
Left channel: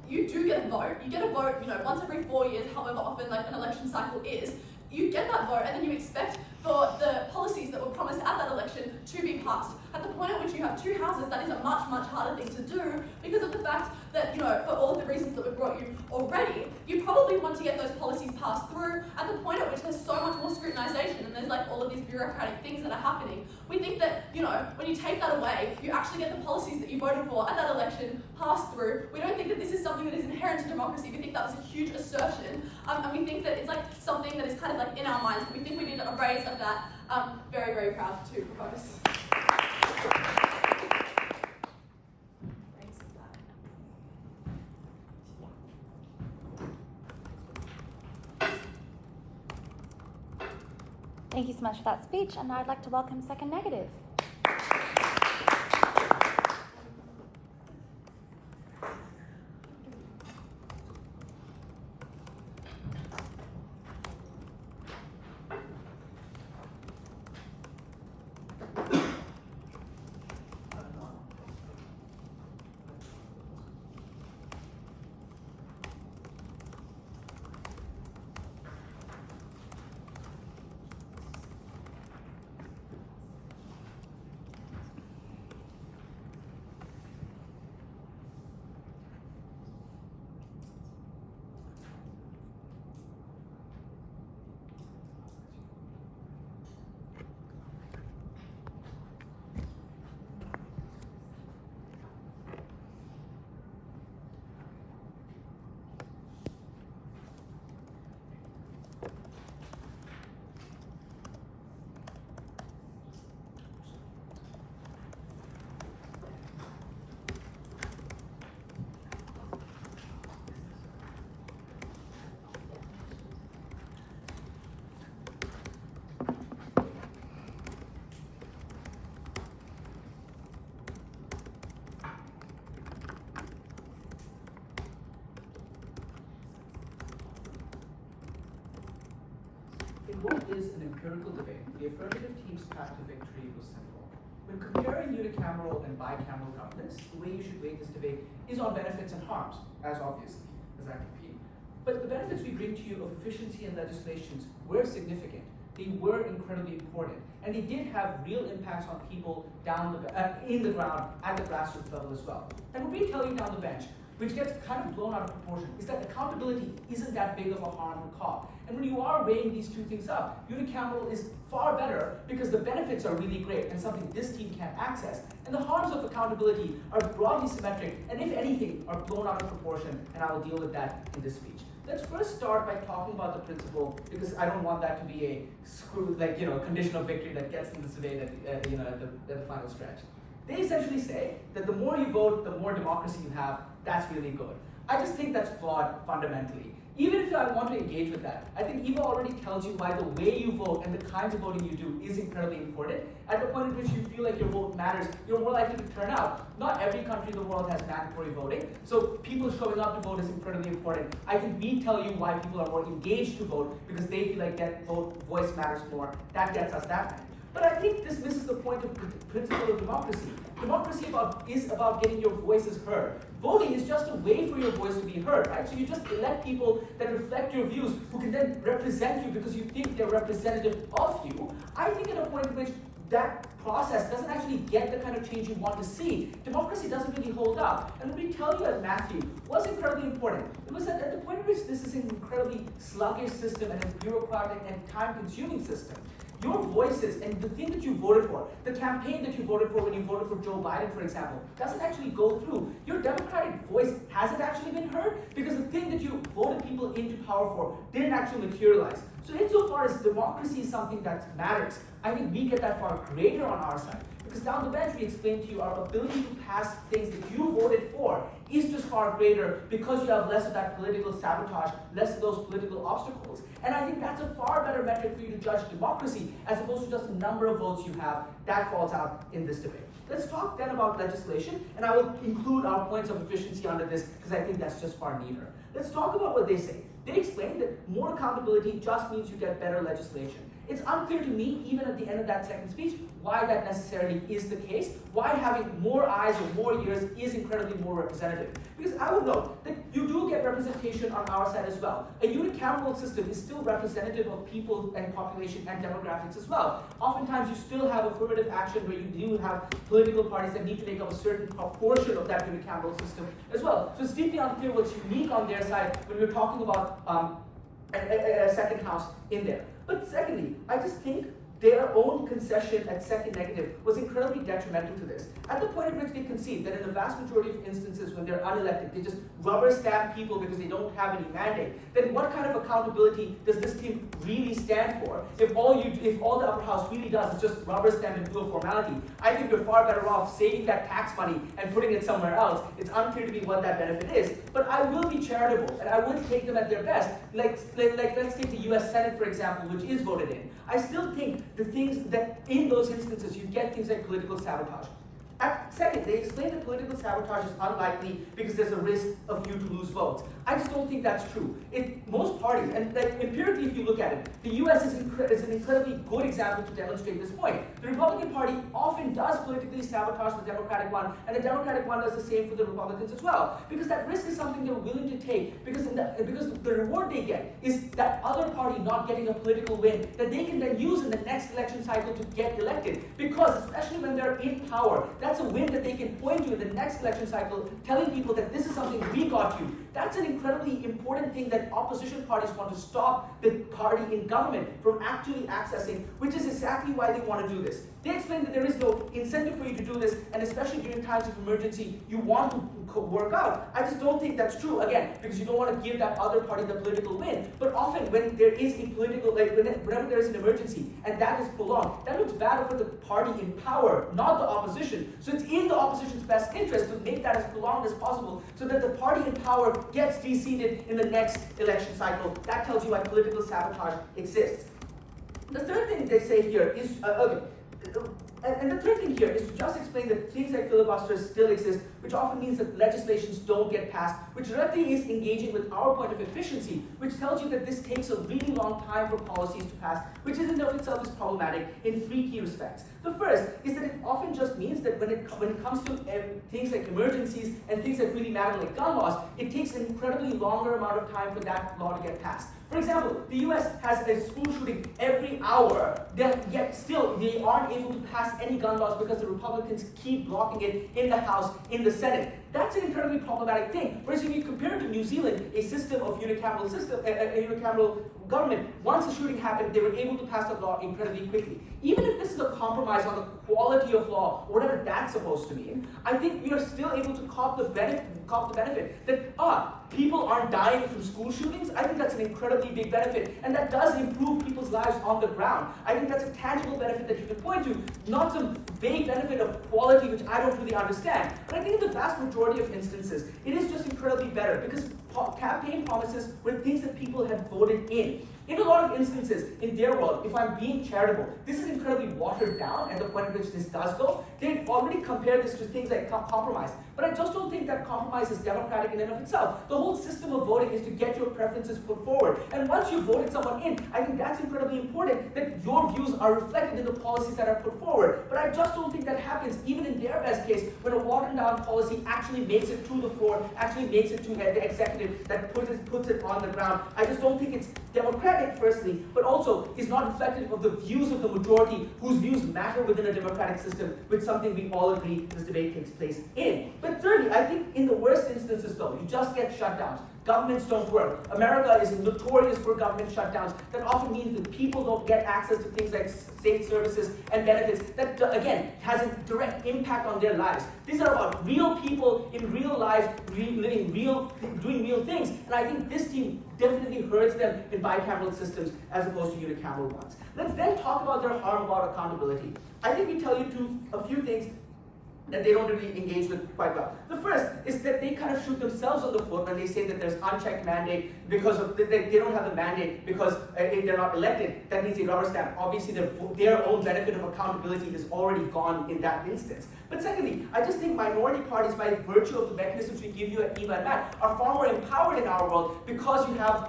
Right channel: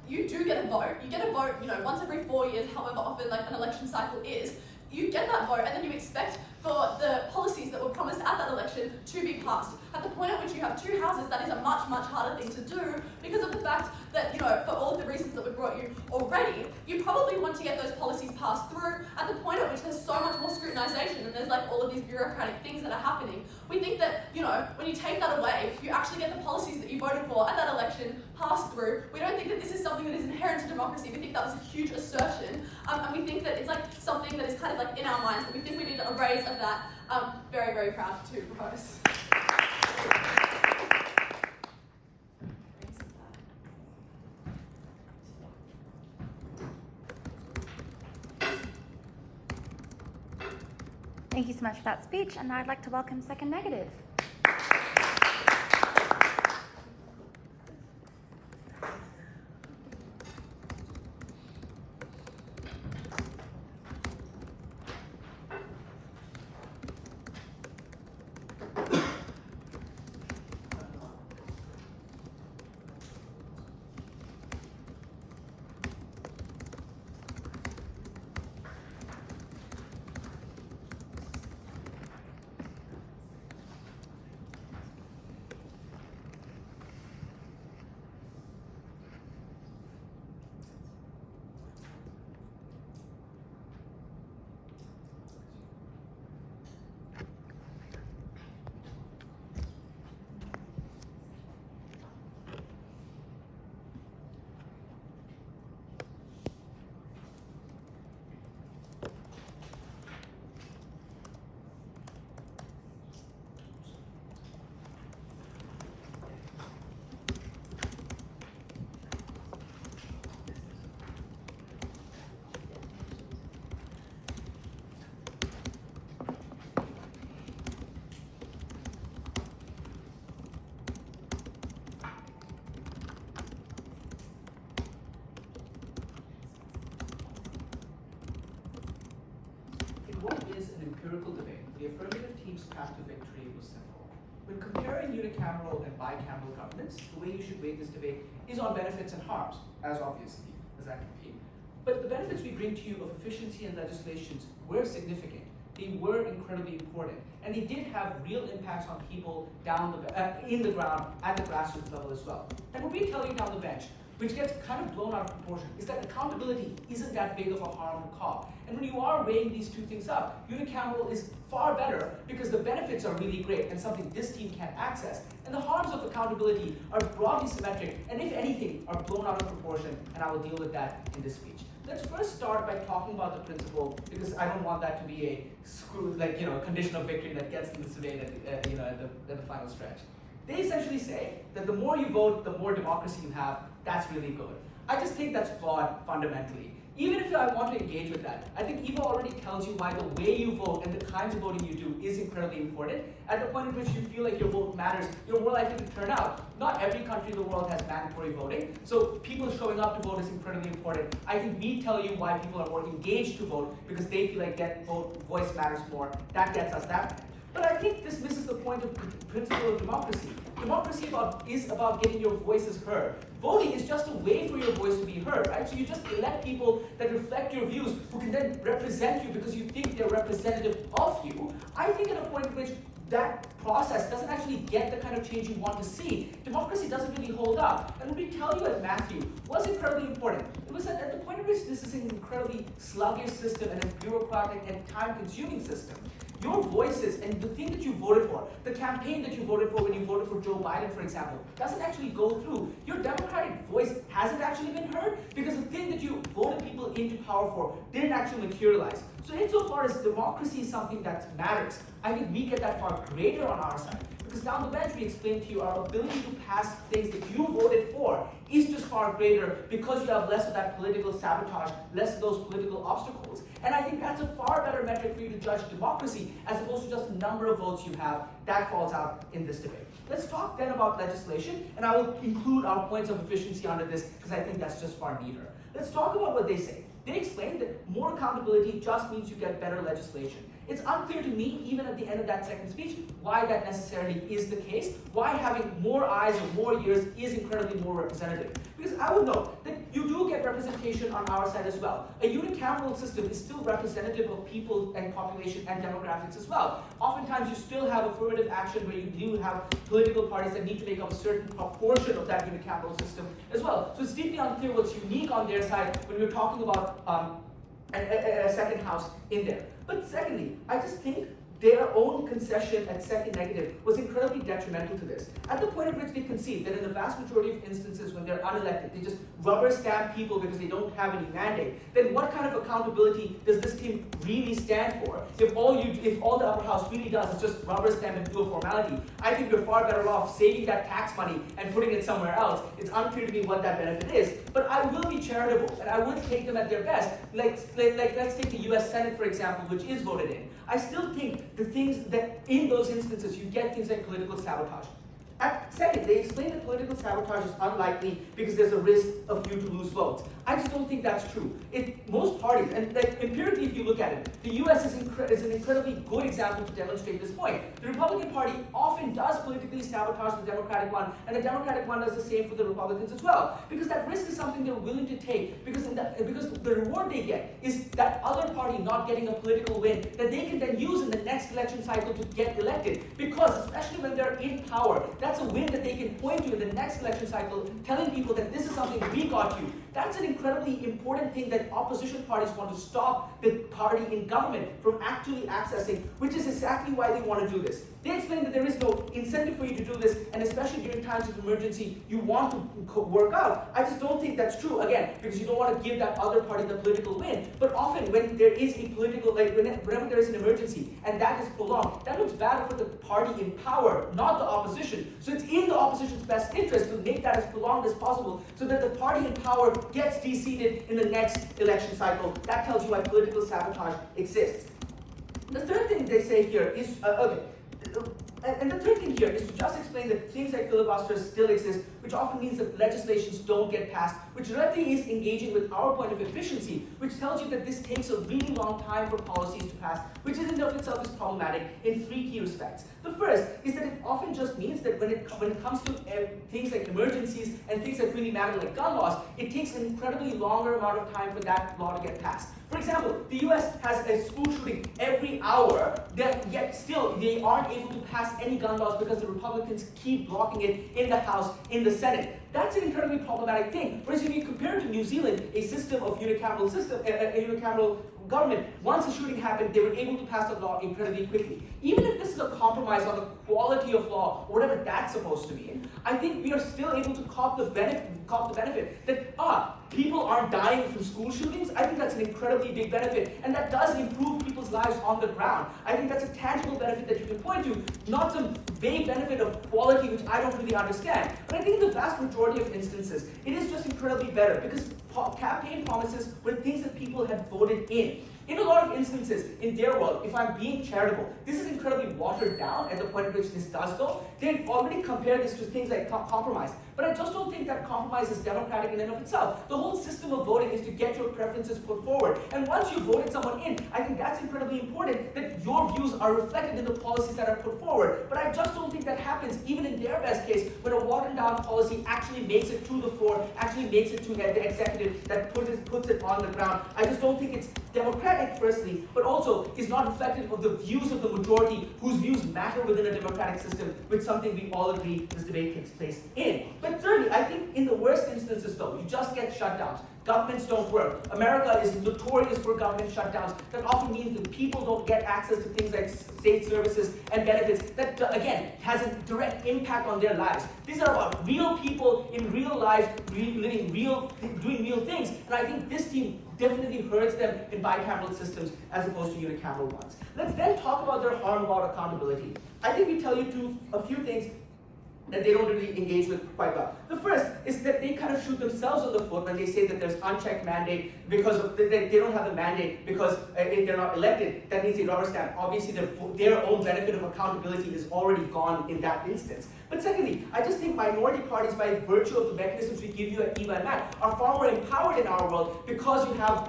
you do get a vote. You get a vote, once every 4 years, however often an election cycle is. You get that vote, and then you expect for the policies that were promised at that election to be passed. At the point at which you have 2 houses, that is a much, much harder thing to do because of the fact that, for all of the reasons that we've brought you already, you probably want to get those policies passed through at the point at which there's so much more scrutinization and there's all of these bureaucratic things that are happening. We think that, when you take that away, you actually get the policies that you voted for at that election passed through. We don't think that this is something that is inherent to democracy. We think that was a huge assertion, and we think that it's something that is kind of in our minds, but we think we need a raise of that. Very, very proud to propose. Thank you so much for that speech, and now I'd like to welcome Second Negative. What is an empirical debate? The affirmative team's path to victory was simple. When comparing unicameral and bicameral governments, the way you should weight this debate is on benefits and harms, as obviously as that can be. But the benefits we bring to you of efficiency and legislations were significant. They were incredibly important, and they did have real impacts on people in the ground at the grassroots level as well. And what we tell you down the bench, which gets kind of blown out of proportion, is that accountability isn't that big of a harm to cause. And when you are weighing these 2 things up, unicameral is far better because the benefits are really great and something this team can't access. And the harms of accountability are broadly symmetric and, if anything, are blown out of proportion, and I will deal with that in this speech. Let's first start by talking about the principle, because I don't want that to be a condition of victory that gets in this debate at the final stretch. They essentially say that the more you vote, the more democracy you have. That's really good. I just think that's flawed fundamentally. Even if I want to engage with that, I think Eva already tells you why the way you vote and the kinds of voting you do is incredibly important. At the point at which you feel like your vote matters, you're more likely to turn out. Not every country in the world has mandatory voting, so people showing up to vote is incredibly important. I think we tell you why people are more engaged to vote because they feel like voice matters more. That gets us that message. But I think this misses the point of the principle of democracy. Democracy is about getting your voices heard. Voting is just a way for your voice to be heard, right? So you just elect people that reflect your views, who can then represent you because you think they're representative of you. I think at a point at which that process doesn't actually get the kind of change you want to see, democracy doesn't really hold up. And let me tell you at Matthew, what's incredibly important? It was that at the point at which this is an incredibly sluggish system and a bureaucratic and time-consuming system, your voices and the thing that you voted for, the campaign that you voted for when you voted for Joe Biden, for example, doesn't actually go through. Your democratic voice hasn't actually been heard because the thing that you voted people into power for didn't actually materialize. So insofar as democracy is something that matters, I think we get that far greater on our side. Because down the bench we explained to you our ability to pass things that you voted for is just far greater because you have less of that political sabotage, less of those political obstacles. And I think that's a far better metric for you to judge democracy as opposed to just the number of votes you have. That falls out in this debate. Let's talk then about legislation, and I will include our points of efficiency under this because I think that's just far neater. Let's talk about what they say. They explain that more accountability just means you get better legislation. It's unclear to me, even at the end of that second speech, why that necessarily is the case, why having more eyes or more ears is incredibly more representative. Because I would note that you do get representation on our side as well. A unicameral system is still representative of people and population and demographics as well. Oftentimes you still have affirmative action where you do have political parties that need to make up a certain proportion of that unicameral system as well. So it's deeply unclear what's unique on their side when we're talking about a second house in there. But secondly, I just think their own concession at second negative was incredibly detrimental to this. At the point at which they concede that in the vast majority of instances when they're unelected, they just rubber stamp people because they don't have any mandate, then what kind of accountability does this team really stand for if all the upper house really does is just rubber stamp and do a formality? I think we're far better off saving that tax money and putting it somewhere else. It's unclear to me what that benefit is, but I will be charitable and I would take them at their best. Like let's take the US Senate, for example, which is voted in. I still think the things that in those instances you get things like political sabotage. Second, they explain that political sabotage is unlikely because there's a risk of you to lose votes. I just don't think that's true. Most parties, and empirically if you look at it, the US is an incredibly good example to demonstrate this point. The Republican Party often does politically sabotage the Democratic one, and the Democratic one does the same for the Republicans as well. Because that risk is something they're willing to take, because the reward they get is that other party not getting a political win that they can then use in the next election cycle to get elected. Because especially when they're in power, that's a win that they can point to in the next election cycle, telling people that this is something we got you. That's an incredibly important thing that opposition parties want to stop the party in government from actually accessing, which is exactly why they want to do this. They explain that there is no incentive for you to do this, and especially during times of emergency, you want to work out. I just don't think that's true, again, because you don't want to give that other party the political win. But often when there is a political, whenever there is an emergency, and that is prolonged, that looks bad for the party in power, not the opposition. So it's in the opposition's best interest to make that as prolonged as possible, so that the party in power gets deseated in the next election cycle. That tells you why political sabotage exists. The third thing they say here is, and the third thing here is to just explain that things like filibusters still exist, which often means that legislations don't get passed, which directly is engaging with our point of efficiency, which tells you that this takes a really long time for policies to pass, which in and of itself is problematic in three key respects. The first is that it often just means that when it comes to things like emergencies and things that really matter like gun laws, it takes an incredibly longer amount of time for that law to get passed. For example, the US has a school shooting every hour, yet still they aren't able to pass any gun laws because the Republicans keep blocking it in the House, in the Senate. That's an incredibly problematic thing. Whereas if you compare it to New Zealand, a system of unicameral government, once a shooting happened, they were able to pass a law incredibly quickly. Even if this is a compromise on the quality of law, or whatever that's supposed to mean, I think we are still able to cop the benefit that, people aren't dying from school shootings. I think that's an incredibly big benefit, and that does improve people's lives on the ground. I think that's a tangible benefit that you can point to, not some vague benefit of quality which I don't really understand. But I think in the vast majority of instances, it is just incredibly better, because campaign promises were things that people had voted in. In a lot of instances, in their world, if I'm being charitable, this is incredibly watered down at the point at which this does go. They already compare this to things like compromise. But I just don't think that compromise is democratic in and of itself. The whole system of voting is to get your preferences put forward. And once you've voted someone in, I think that's incredibly important, that your views are reflected in the policies that are put forward. But I just don't think that happens, even in their best case, when a watered down policy actually makes it to the floor, actually makes it to the executive that puts it on the ground. I just don't think it's democratic, firstly, but also is not reflective of the views of the majority, whose views matter within a democratic system, which is something we all agree this debate takes place in. But thirdly, I think in the worst instances though, you just get shutdowns. Governments don't work. America is notorious for government shutdowns. That often means that people don't get access to things like state services and benefits that, again, has a direct impact on their lives. These are about real people in real life, doing real things. And I think this team definitely hurts them in bicameral systems as opposed to unicameral ones. Let's then talk about their harm about accountability. I think we tell you a few things that they don't really engage with quite well. The first is that they kind of shoot themselves on the foot when they say that there's unchecked mandate because of they don't have the mandate because if they're not elected, that means they rubber stamp. Obviously, their own benefit of accountability is already gone in that instance. But secondly, I just think minority parties, by virtue of the mechanisms we give you at EVA and MAT, are far more empowered in our world because you have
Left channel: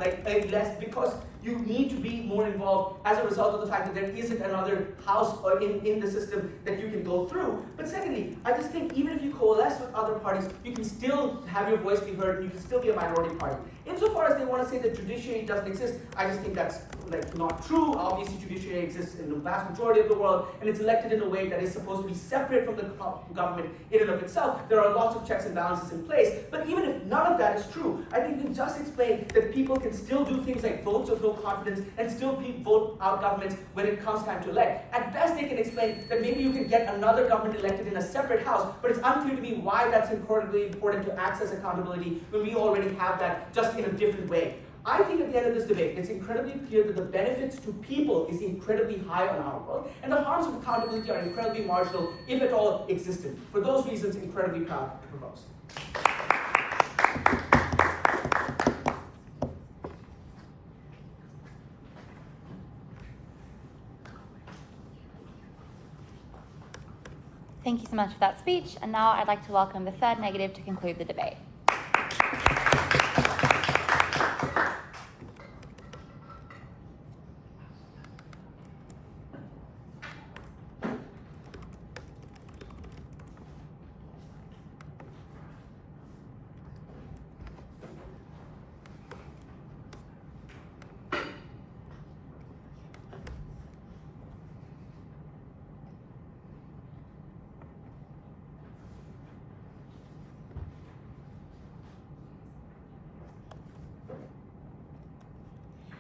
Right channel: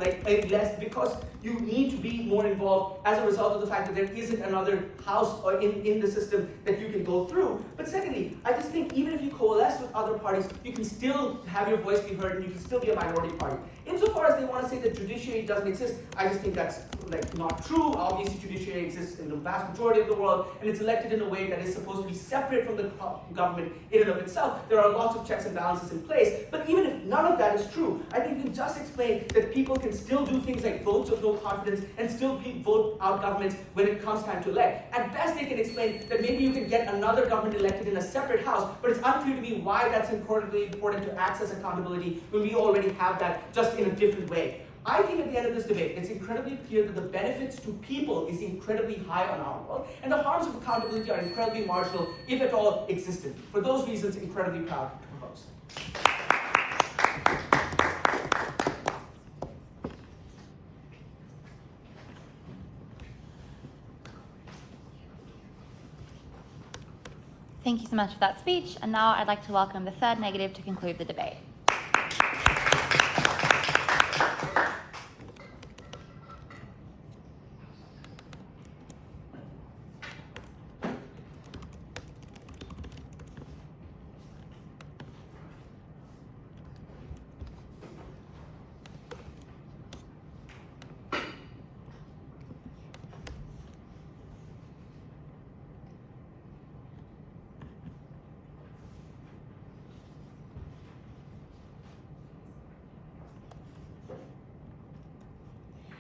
because you need to be more involved as a result of the fact that there isn't another house or in the system that you can go through. But secondly, I just think even if you coalesce with other parties, you can still have your voice be heard and you can still be a minority party. Insofar as they want to say that judiciary doesn't exist, I just think that's not true. Obviously, judiciary exists in the vast majority of the world, and it's elected in a way that is supposed to be separate from the government in and of itself. There are lots of checks and balances in place, but even if none of that is true, I think you can just explain that people can still do things like votes of no confidence and still vote out governments when it comes time to elect. At best, they can explain that maybe you can get another government elected in a separate house, but it's unclear to me why that's incredibly important to access accountability when we already have that just in a different way. I think at the end of this debate, it's incredibly clear that the benefits to people is incredibly high on our world, and the harms of accountability are incredibly marginal, if at all existent. For those reasons, incredibly proud to propose. Thank you so much for that speech, and now I'd like to welcome the third negative to conclude the debate.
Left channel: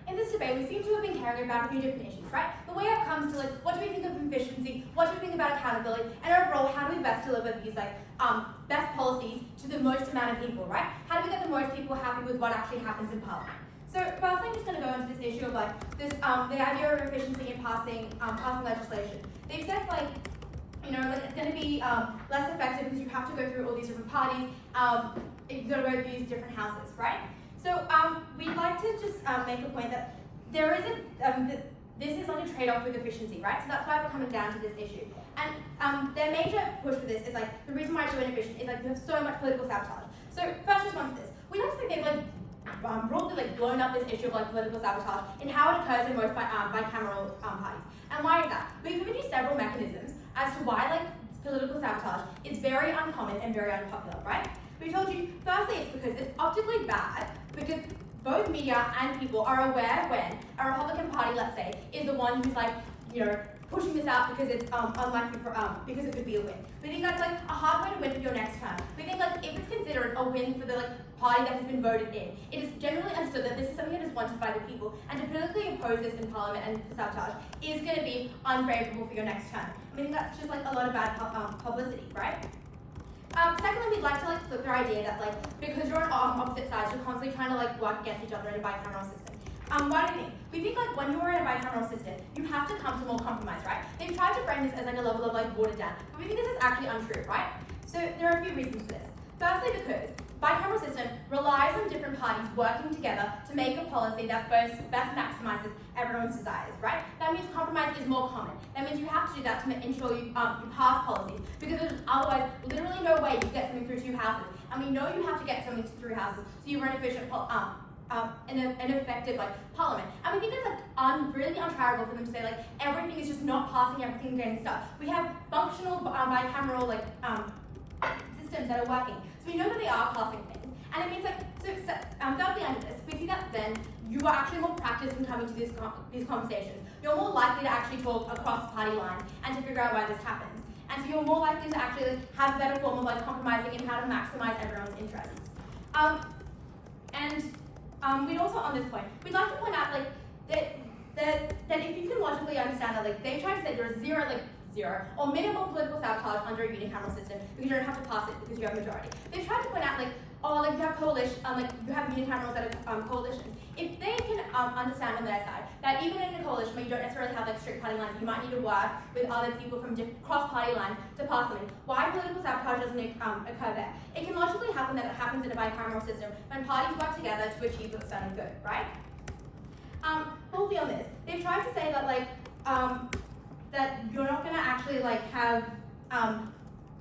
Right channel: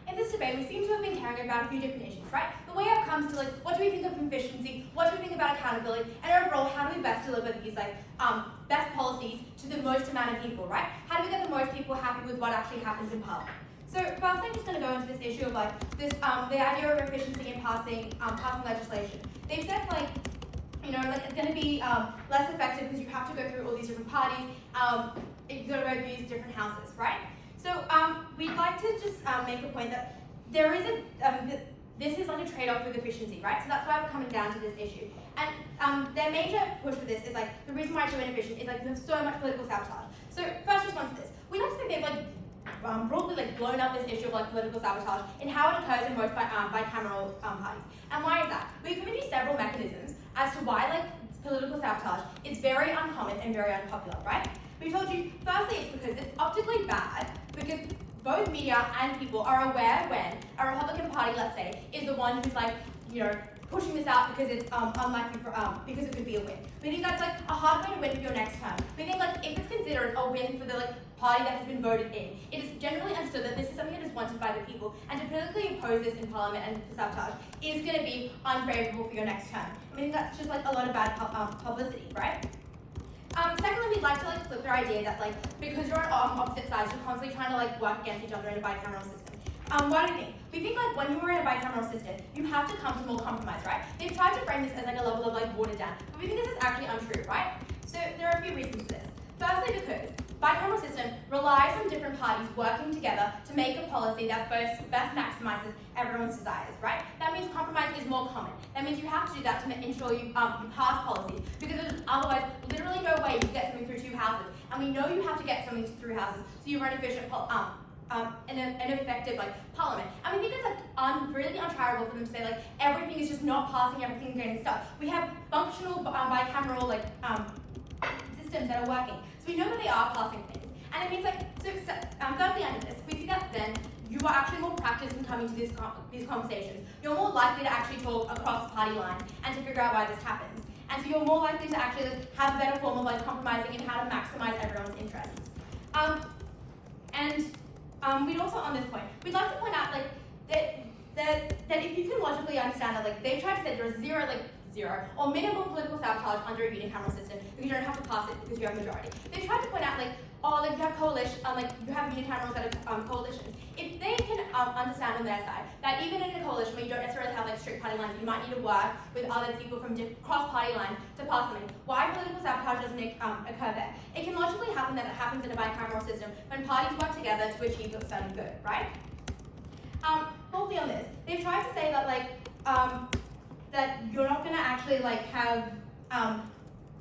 In this debate, we seem to have been caring about a few different issues, right? The way up comes to what do we think of efficiency, what do we think about accountability, and overall, how do we best deliver these best policies to the most amount of people, right? How do we get the most people happy with what actually happens in Parliament? So first, I'm just going to go into this issue of the idea of efficiency in passing legislation. They've said it's going to be less effective because you have to go through all these different parties. You've got to go through these different houses, right? So we'd like to just make a point that there is this is like a trade-off with efficiency, right? So that's why we're coming down to this issue. And their major push for this is the reason why it's so inefficient is you have so much political sabotage. So first response to this, we like to think they've broadly blown up this issue of political sabotage in how it occurs in most bicameral parties. And why is that? We've given you several mechanisms as to why political sabotage is very uncommon and very unpopular, right? We told you, firstly, it's because it's optically bad, because both media and people are aware when a Republican Party, let's say, is the one who's pushing this out because it's unlikely because it could be a win. We think that's a hard way to win for your next term. We think if it's considered a win for the party that has been voted in, it is generally understood that this is something that is wanted by the people, and to politically impose this in Parliament and for sabotage is going to be unfavourable for your next term. I mean, that's just a lot of bad publicity, right? Secondly, we'd like to flip their idea that because you're on opposite sides, you're constantly trying to work against each other in a bicameral system. Why do we think? We think when you're in a bicameral system, you have to come to more compromise, right? They've tried to frame this as a level of watered down, but we think this is actually untrue, right? So there are a few reasons for this. Firstly, because bicameral system relies on different parties working together to make a policy that best maximizes everyone's desires, right? That means compromise is more common. That means you have to do that to ensure you pass policies, because there's otherwise literally no way you can get something through 2 houses. And we know you have to get something through houses, so you run efficient an effective parliament. And we think it's really uncharitable for them to say everything is just not passing, everything getting stuck. We have functional bicameral systems that are working, so we know that they are passing things. And it means thirdly under this, we see that then you are actually more practiced in coming to these conversations. You're more likely to actually talk across party lines and to figure out why this happens. And so you're more likely to actually have a better form of compromising and how to maximize everyone's interests. We'd also, on this point, we'd like to point out that if you can logically understand that they try to say there's zero or minimal political sabotage under a unicameral system because you don't have to pass it because you have majority. They tried to point out you have coalition, you have unicamerals that are coalitions. If they can understand on their side that even in a coalition where you don't necessarily have strict party lines, you might need to work with other people from cross-party lines to pass something. Why political sabotage doesn't occur there? It can logically happen that it happens in a bicameral system when parties work together to achieve a certain good, right? Fourthly on this, they've tried to say that that you're not going to actually have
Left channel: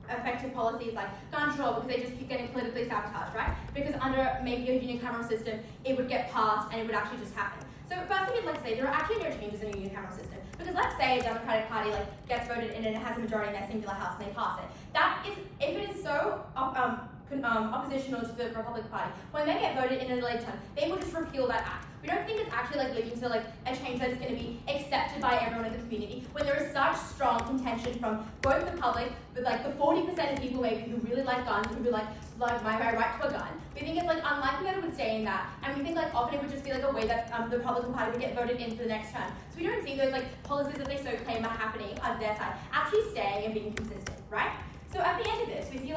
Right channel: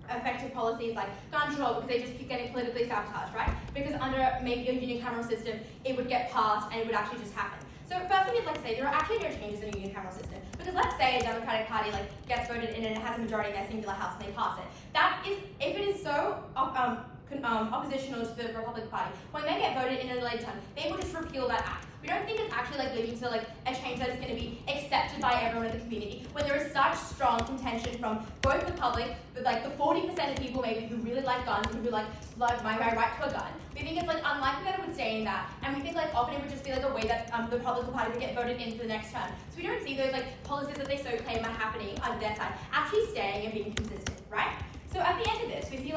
effective policies like gun control because they just keep getting politically sabotaged, right? Because under maybe a unicameral system, it would get passed and it would actually just happen. So firstly, we'd like to say there are actually no changes in a unicameral system, because let's say a Democratic Party gets voted in and it has a majority in their singular house and they pass it. That is, if it is so oppositional to the Republican Party, when they get voted in an elected term, they will just repeal that act. We don't think it's actually leading to a change that is going to be accepted by everyone in the community when there is such strong contention from both the public, but the 40% of people maybe who really like guns and who like my right to a gun. We think it's unlikely that it would stay in that, and we think often it would just be a way that the Republican Party would get voted in for the next term. So we don't see those policies that they so claim are happening on their side actually staying and being consistent, right? So at the end of this, we see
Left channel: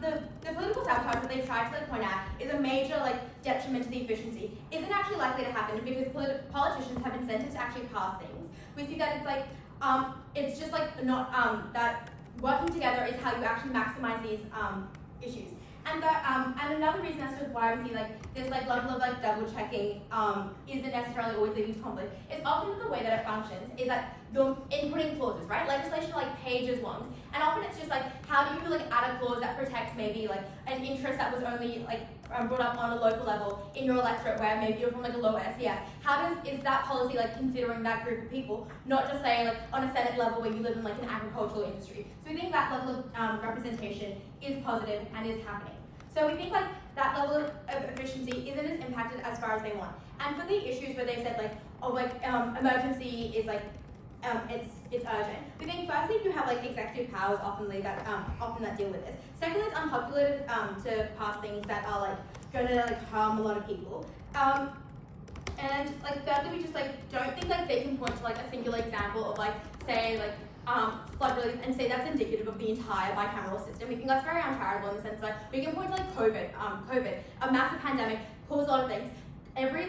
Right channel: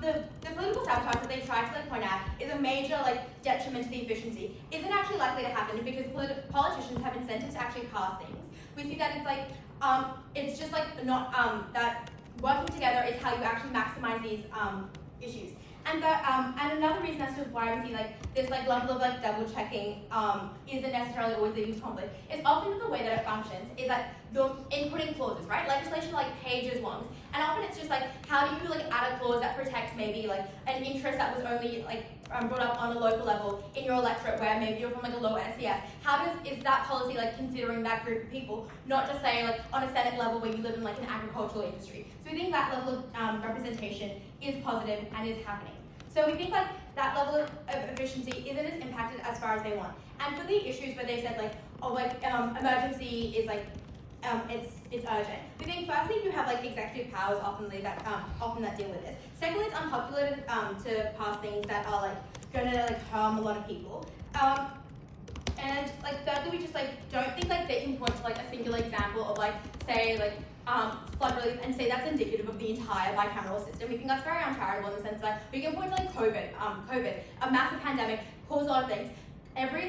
the political sabotage that they've tried to point out is a major detriment to the efficiency. Isn't actually likely to happen because politicians have incentive to actually pass things. We see that it's just not that working together is how you actually maximize these issues. And another reason as to why we see this level of double checking isn't necessarily always leading to conflict is often the way that it functions is that you're inputting clauses, right? Legislation pages long, and often it's just how do you add a clause that protects maybe an interest that was only brought up on a local level in your electorate where maybe you're from a lower SES. Is that policy considering that group of people, not just saying on a Senate level where you live in an agricultural industry. So we think that level of representation is positive and is happening. So we think that level of efficiency isn't as impacted as far as they want. And for the issues where they said emergency is it's urgent. We think firstly you have executive powers often that deal with this. Secondly, it's unpopular to pass things that are going to harm a lot of people. And thirdly, we just don't think they can point to a singular example of say flood relief and say that's indicative of the entire bicameral system. We think that's very uncharitable in the sense that we can point to COVID, a massive pandemic, caused a lot of things. Every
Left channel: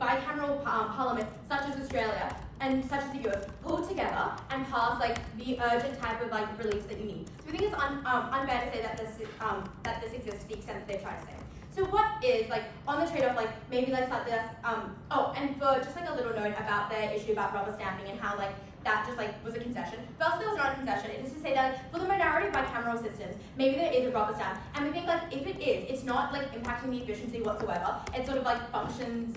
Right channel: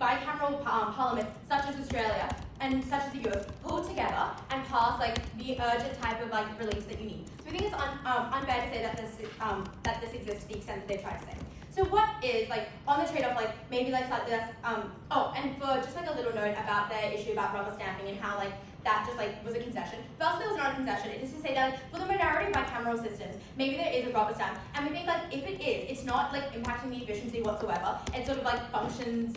bicameral parliament, such as Australia and such as the US, pulled together and pass the urgent type of relief that you need. So we think it's unfair to say that this exists to the extent that they've tried to say. So what is on the trade-off maybe slightly less and for just a little note about the issue about rubber stamping and how that just was a concession. First, it was not a concession. It is to say that for the minority of bicameral systems, maybe there is a rubber stamp, and we think if it is, it's not impacting the efficiency whatsoever. It sort of functions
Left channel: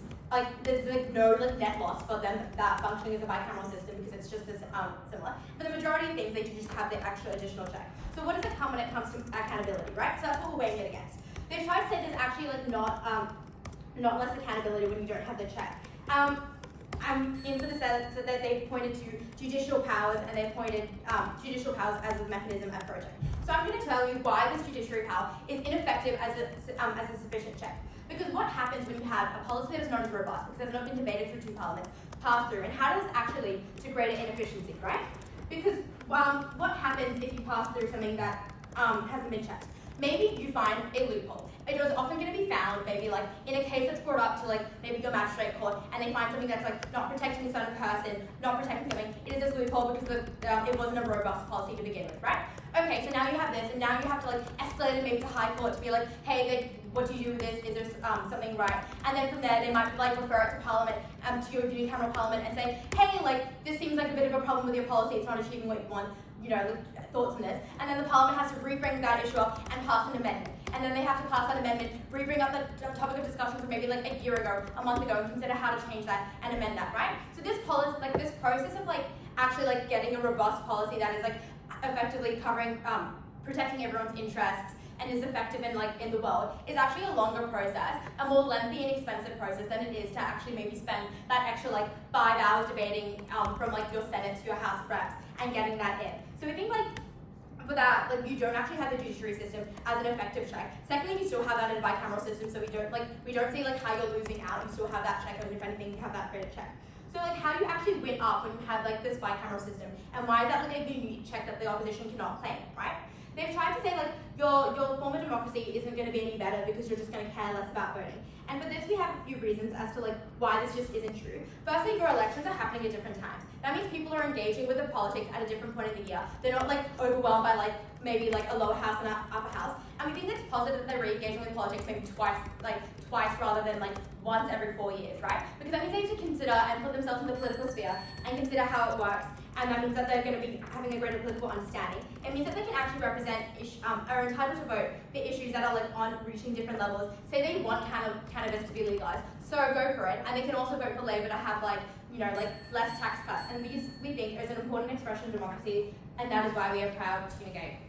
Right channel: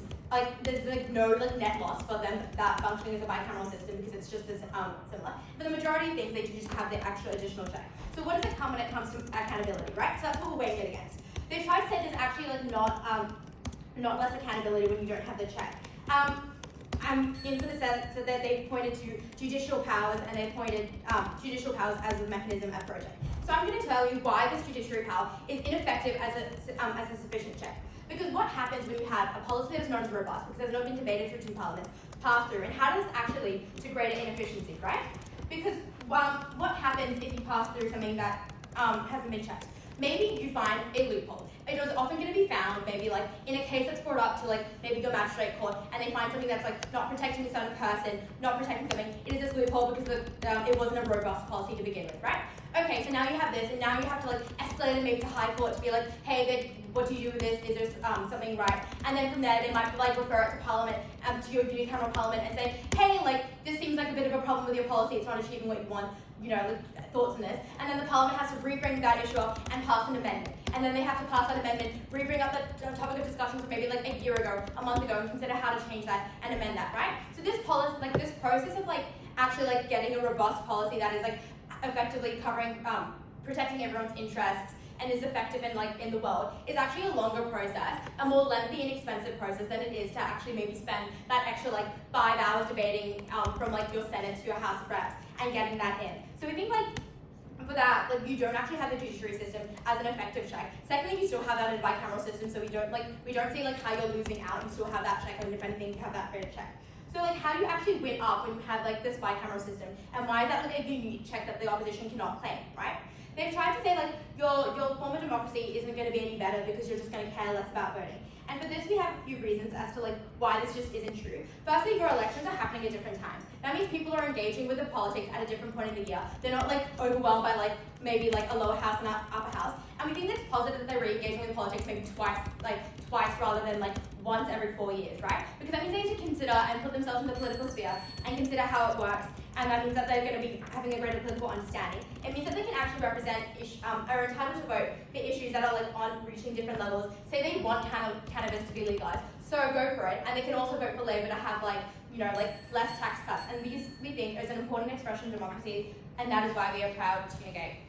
there's no net loss for them that functioning as a bicameral system because it's just as similar. For the majority of things, they do just have the extra additional check. So what does it come when it comes to accountability, right? So that's what we're weighing it against. They've tried to say there's actually not less accountability when you don't have the check. In for the sense that they've pointed to judicial powers and they've pointed judicial powers as a mechanism at project. So I'm going to tell you why this judiciary power is ineffective as a sufficient check. Because what happens when you have a policy that is not as robust, because it has not been debated through 2 parliaments, pass through, and how does this actually lead to greater inefficiency, right? Because what happens if you pass through something that hasn't been checked? Maybe you find a loophole. It was often going to be found maybe in a case that's brought up to maybe go magistrate court and they find something that's not protecting a certain person, not protecting something. It is this loophole because it wasn't a robust policy to begin with, right? okay, so now you have this, and now you have to like escalate it maybe to High Court to be like, hey, what do you do with this? Is there something right? And then from there, they might like refer it to Parliament, to your unicameral Parliament, and say, hey, like this seems like a bit of a problem with your policy. It's not achieving what you want. You know, thoughts on this. And then the Parliament has to re-bring that issue up and pass an amendment. And then they have to pass that amendment, re-bring up the topic of discussion from maybe like a year ago, a month ago, and consider how to change that and amend that, right? So this policy, like this process of like actually like getting a robust policy that is like effectively covering, protecting everyone's interests and is effective in the world is actually a longer process, a more lengthy and expensive process than it is to actually maybe spend that extra like 5 hours debating from like your Senate to your House of Reps and getting that in. So I think like for that, like you don't actually have the judiciary system as an effective check. Secondly, we still have that in bicameral system, so we don't see like how you're losing out. You still have that check, and if anything, you have that credit check. So like how do you actually win up when you have like this bicameral system, and why is that like a unique check that the opposition cannot claim, right? They've tried to say like your form of democracy isn't going to be any better because you're just going to care less about voting. And for this, we have a few reasons as to like why this just isn't true. Firstly, your elections are happening at different times. That means people are engaging with the politics at a different point in the year. They're not like overwhelmed by like maybe like a lower house and an upper house. And we think it's positive that they're re-engaging with politics maybe twice rather than like once every 4 years, right? Because that means they need to consider and put themselves in the political sphere and consider how it works. And that means that they're going to be having a greater political understanding. It means that they can actually represent, are entitled to vote for issues that are like on reaching different levels. Say they want cannabis to be legalized, so go for it. And they can also vote for Labour to have like, you know, like less tax cuts. And these, we think, is an important expression of democracy, and that is why we are proud to unite.